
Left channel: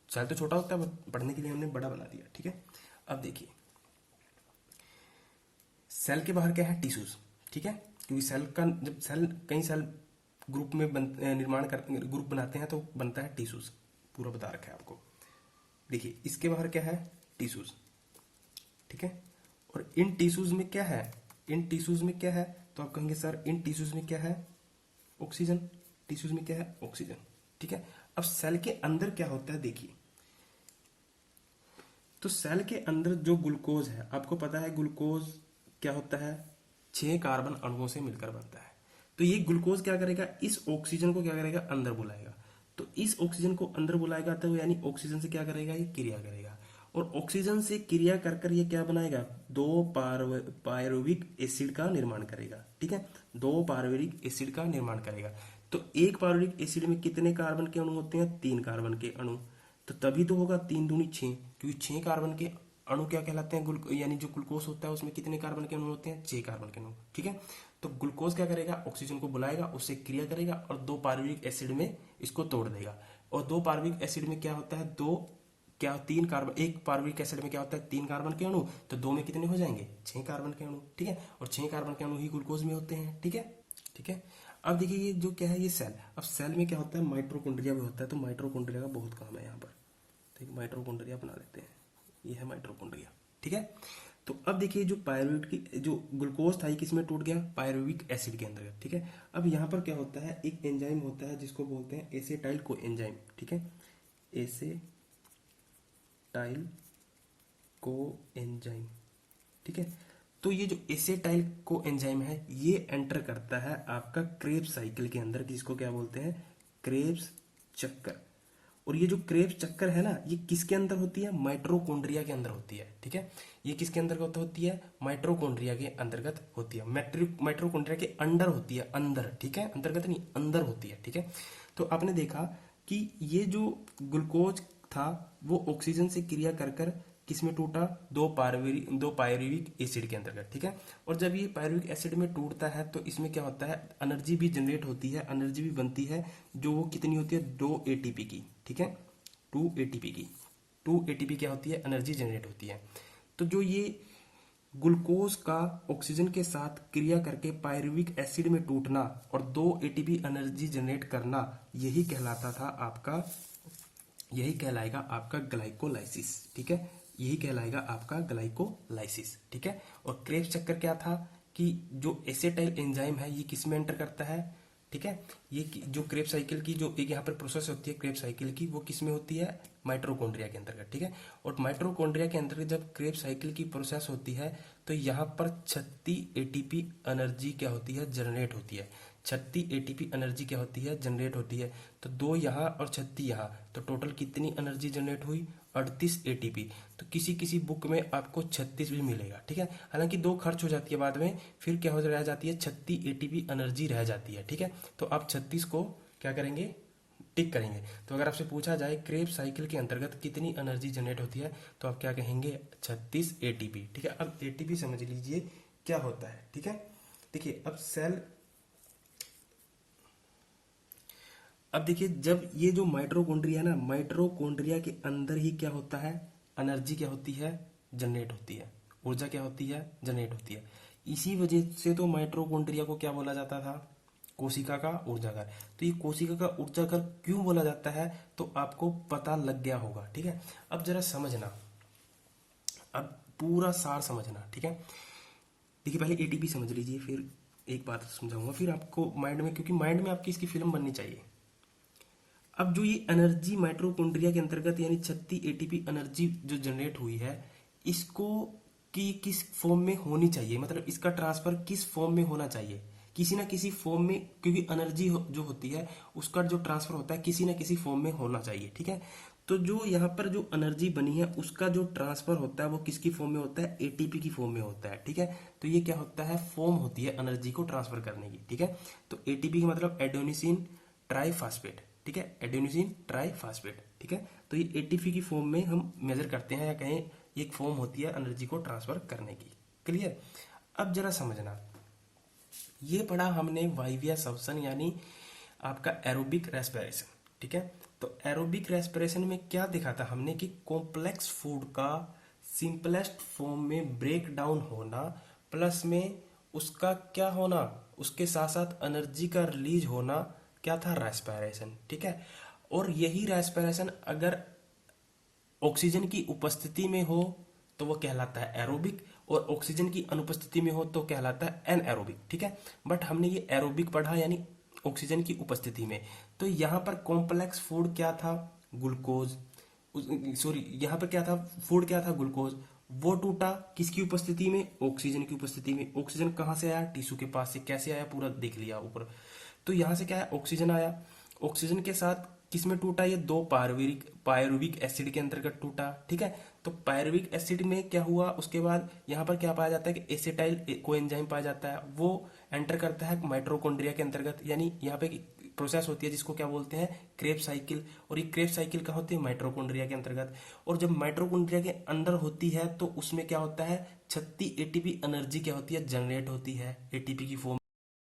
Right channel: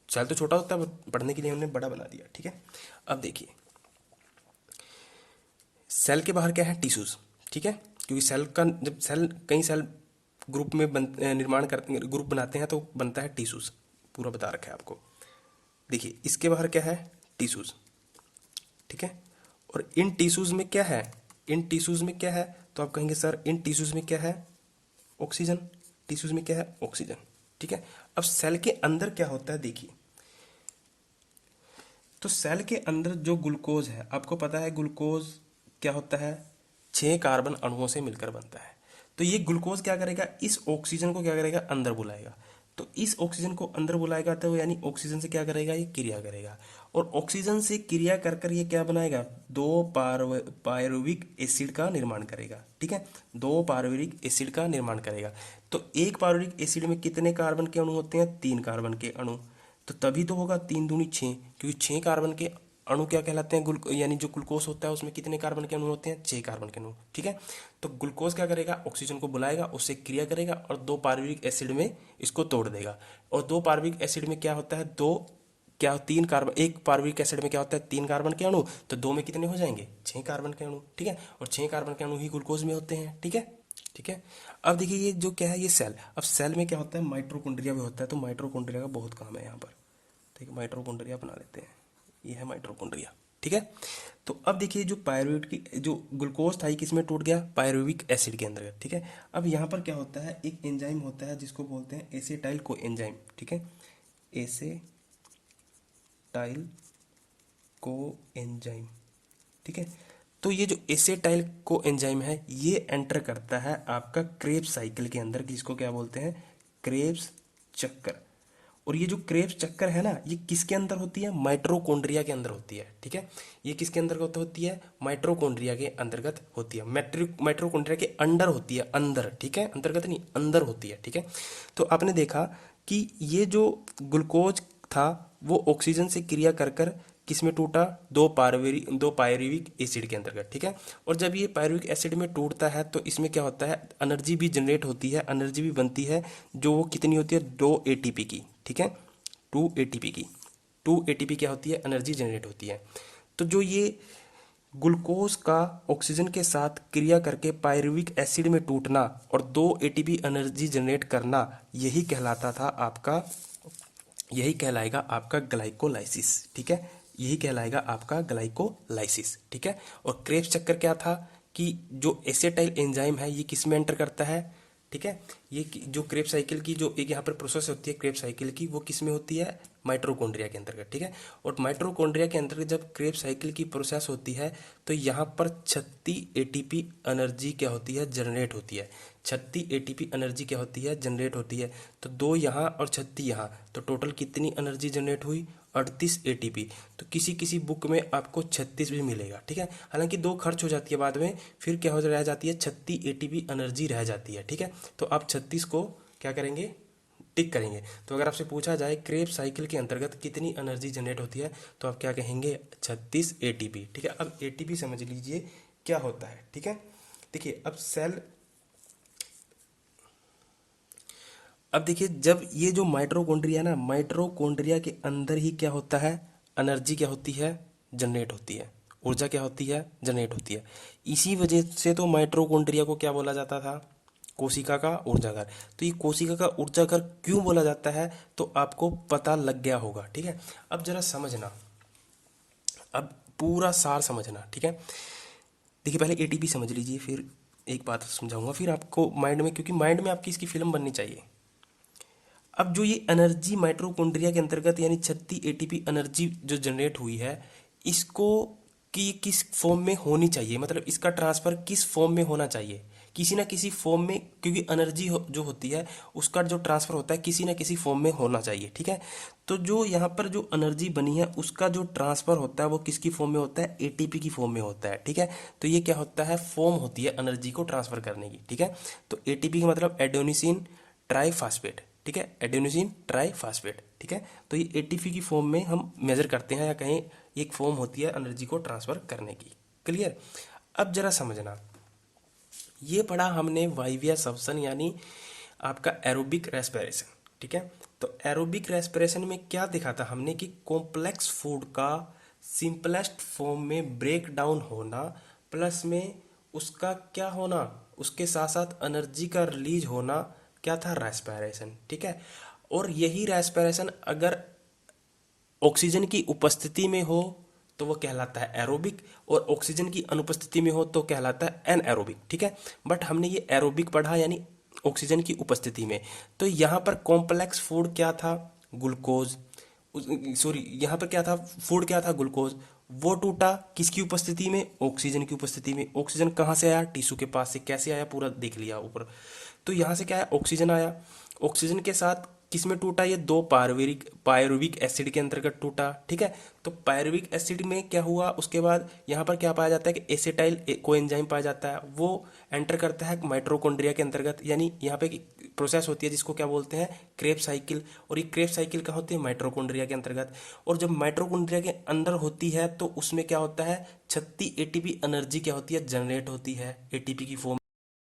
सेल तो छोटा होता है, पढ़ने के लिए हमने बड़ा बना दिया, ठीक है। अब देखिए सेल के बाहर क्या है टिश्यूज, ठीक है, क्योंकि सेल का जब सेल कई सेल ग्रुप में निर्माण कर ग्रुप बनाते हैं तो बनता है टिश्यूज, पूरा बता रखा है आपको। देखिए इसके बाहर क्या है टिश्यूज, ठीक है। और इन टिश्यूज में क्या है, इन टिश्यूज में क्या है, तो आप कहेंगे सर इन टिश्यूज में क्या है ऑक्सीजन, टिश्यूज में क्या है ऑक्सीजन, ठीक है। अब सेल के अंदर क्या होता है देखिए, तो सेल के अंदर जो ग्लूकोज है, आपको पता है ग्लूकोज क्या होता है, 6 कार्बन अणुओं से मिलकर बनता है। तो ये ग्लूकोज क्या करेगा, इस ऑक्सीजन को क्या करेगा अंदर बुलाएगा। तो इस ऑक्सीजन को अंदर बुलाएगा तो यानी ऑक्सीजन से क्या करेगा, ये क्रिया करेगा, और ऑक्सीजन से क्रिया कर कर ये क्या बनाएगा, दो पायरुविक एसिड का निर्माण करेगा, ठीक है, दो पायरुविक एसिड का निर्माण करेगा। तो एक पायरुविक एसिड में कितने कार्बन के अणु होते हैं, 3 कार्बन के अणु। तो तभी तो होगा 3 दूनी 6, क्योंकि 6 कार्बन के अणु क्या कहलाते हैं, यानी जो ग्लूकोज होता है उसमें कितने कार्बन के अणु होते हैं, 6 कार्बन के अणु, ठीक है। तो ग्लूकोज क्या करेगा, ऑक्सीजन को बुलाएगा, उससे क्रिया करेगा और दो पार्विक एसिड में इसको तोड़ देगा। और दो पार्विक एसिड में क्या होता है, दो क्या 3 कार्बन, एक पार्विक एसिड में क्या होता है 3 कार्बन के अणु, तो दो में कितने हो जाएंगे 6 कार्बन के अणु, ठीक है। और 6 कार्बन के अणु ही ग्लूकोज में होते हैं, ठीक है, ठीक है। अब देखिए ये जो क्या है ये सेल, अब सेल में क्या होता है माइटोकॉन्ड्रिया भी होता है, तो माइटोकॉन्ड्रिया का बहुत काम है यहाँ पर, ठीक है। माइटोकॉन्ड्रिया बना लेते हैं, ये है माइटोकॉन्ड्रिया, ठीक है। तो अब देखिए जो पायरुवेट की जो ग्लूकोज था ये किस में टूट गया, पायरुविक एसिड के अंदर, ठीक है। अब यहाँ पर क्या होता है, एक एंजाइम होता है जिसको बोलते हैं एसिटाइल को एंजाइम, ठीक है, एसिटाइल को एंजाइम, ठीक है। तो ये जो एसिटाइल को एंजाइम है ये एंटर करता है आपका क्रेब्स साइकिल के अंदर, जिसको क्या बोलते हैं क्रेब्स चक्कर। और ये जो क्रेब्स चक्कर है ना, ये किसके अंदर होती है, माइटोकॉन्ड्रिया के अंदर होती है, ठीक है। ये किसके अंतर्गत होती है, माइटोकॉन्ड्रिया के अंतर्गत होती है, माइटोकॉन्ड्रिया के अंदर होती है, अंदर, ठीक है, अंतर्गत नहीं अंदर होती है, ठीक है। तो आपने देखा कि ये जो ग्लूकोज था वो ऑक्सीजन से क्रिया कर कर किस में टूटा, दो पायरुविक एसिड के अंतर्गत, ठीक है। और जब ये पायरुविक एसिड में टूटता है तो इसमें क्या होता है, एनर्जी भी जनरेट होती है, एनर्जी भी बनती है, जो वो कितनी होती है 2 ATP की, ठीक है, 2 ATP की, 2 ATP क्या होती है एनर्जी जनरेट होती है। तो जो ये ग्लूकोज का ऑक्सीजन के साथ क्रिया करके पायरुविक एसिड में टूटना और 2 ATP एनर्जी जनरेट करना, यही कहलाता था आपका, यही कहलाएगा आपका ग्लाइकोलाइसिस, ठीक है, यही कहलाएगा आपका ग्लाइकोलाइसिस, ठीक है। और क्रेब्स चक्कर क्या था कि जो एसिटाइल एंजाइम है ये किस में एंटर करता है, ठीक है। जो क्रेब साइकिल की जो एक यहाँ पर प्रोसेस होती है क्रेब साइकिल की, वो किस में होती है, माइटोकॉन्ड्रिया के अंतर्गत, ठीक है। और माइटोकॉन्ड्रिया के अंतर्गत जब क्रेब साइकिल की प्रोसेस होती है तो यहाँ पर 36 एटीपी एनर्जी क्या होती है, जनरेट होती है। 36 एटीपी एनर्जी क्या होती है, जनरेट होती है। तो 2 यहाँ और 36 यहाँ, तो टोटल कितनी एनर्जी जनरेट हुई, 38 एटीपी। तो किसी किसी बुक में आपको 36 भी मिलेगा, ठीक है। हालांकि 2 खर्च हो जाती है बाद में, फिर क्या हो रह जाती है, 36 एटीपी एनर्जी रह जाती है, ठीक है। तो आप 36 को क्या करेंगे, टिक करेंगे। तो अगर आपसे पूछा जाए क्रेब साइकिल के अंतर्गत कितनी एनर्जी जनरेट होती है, तो आप क्या कहेंगे, 36 एटीपी, ठीक है। अब एटीपी समझ लीजिए क्या होता है, ठीक है। देखिए अब देखिए जब ये जो माइटोकॉन्ड्रिया ना, माइटोकॉन्ड्रिया के अंदर ही क्या होता है, एनर्जी क्या होती है, जनरेट होती है, ऊर्जा क्या होती है, जनरेट होती है। इसी वजह से तो माइटोकॉन्ड्रिया को क्या बोला जाता था, कोशिका का ऊर्जाघर। तो ये कोशिका का ऊर्जाघर क्यों बोला जाता है, तो आपको पता लग गया होगा, ठीक है। अब जरा समझना, अब पूरा सार समझना, ठीक है। देखिए पहले एटीपी समझ लीजिए, फिर एक बात समझाऊंगा, फिर आपको माइंड में, क्योंकि माइंड में आपकी इसकी फिल्म बननी चाहिए। अब जो ये एनर्जी माइटोकॉन्ड्रिया के अंतर्गत यानी 36 एटीपी एनर्जी जो जनरेट हुई है, इसको कि किस फॉर्म में होनी चाहिए, मतलब इसका ट्रांसफर किस फॉर्म में होना चाहिए, किसी ना किसी फॉर्म में, क्योंकि एनर्जी जो होती है उसका जो ट्रांसफर होता है किसी ना किसी फॉर्म में होना चाहिए, ठीक है। तो जो यहाँ पर जो एनर्जी बनी है उसका जो ट्रांसफर होता है वो किसकी फॉर्म में होता है, एटीपी की फॉर्म में होता है, ठीक है। तो ये क्या होता है, फॉर्म होती है एनर्जी को ट्रांसफर करने की, ठीक है। तो एटीपी का मतलब एडेनोसिन ट्राईफॉस्फेट, ठीक है, एडेनोसिन ट्राईफॉस्फेट, ठीक है। तो ये एटीपी की फॉर्म में हम मेजर करते हैं, या कहें एक फॉर्म होती है एनर्जी को ट्रांसफर करने की, क्लियर। अब जरा समझना, ये पढ़ा हमने वाइविया सवसन यानी आपका एरोबिक रेस्पिरेशन, ठीक है। तो एरोबिक रेस्पिरेशन में क्या देखा था हमने कि कॉम्प्लेक्स फूड का सिंपलेस्ट फॉर्म में ब्रेक डाउन होना, प्लस में उसका क्या होना, उसके साथ साथ एनर्जी का रिलीज होना, क्या था, रेस्पिरेशन, ठीक है। और यही रेस्पिरेशन अगर ऑक्सीजन की उपस्थिति में हो तो वो कहलाता है एरोबिक, और ऑक्सीजन की अनुपस्थिति में हो तो कहलाता है एनएरोबिक, ठीक है। बट हमने ये एरोबिक पढ़ा यानी ऑक्सीजन की उपस्थिति में। तो यहाँ पर कॉम्प्लेक्स फूड क्या था, ग्लूकोज, सॉरी यहाँ पर क्या था, फूड क्या था, ग्लूकोज। वो टूटा किसकी उपस्थिति में, ऑक्सीजन की उपस्थिति में। ऑक्सीजन कहाँ से आया, टिश्यू के पास से, कैसे आया पूरा देख लिया ऊपर। तो यहाँ से क्या है, ऑक्सीजन आया, ऑक्सीजन के साथ किसमें टूटा, ये 2 पायरुविक एसिड के अंतर्गत टूटा, ठीक है। तो पायरुविक एसिड में क्या हुआ, उसके बाद यहाँ पर क्या पाया जाता है कि एसिटाइल कोएंजाइम पाया जाता है, वो एंटर करता है माइटोकॉन्ड्रिया के अंतर्गत, यानी यहाँ पे प्रोसेस होती है जिसको क्या बोलते हैं, क्रेब साइकिल। और ये क्रेब साइकिल कहाँ होती है, माइटोकॉन्ड्रिया के अंतर्गत। और जब माइटोकॉन्ड्रिया के अंदर होती है तो उसमें क्या होता है, 36 एटीपी एनर्जी क्या होती है, जनरेट होती है एटीपी की फॉर्म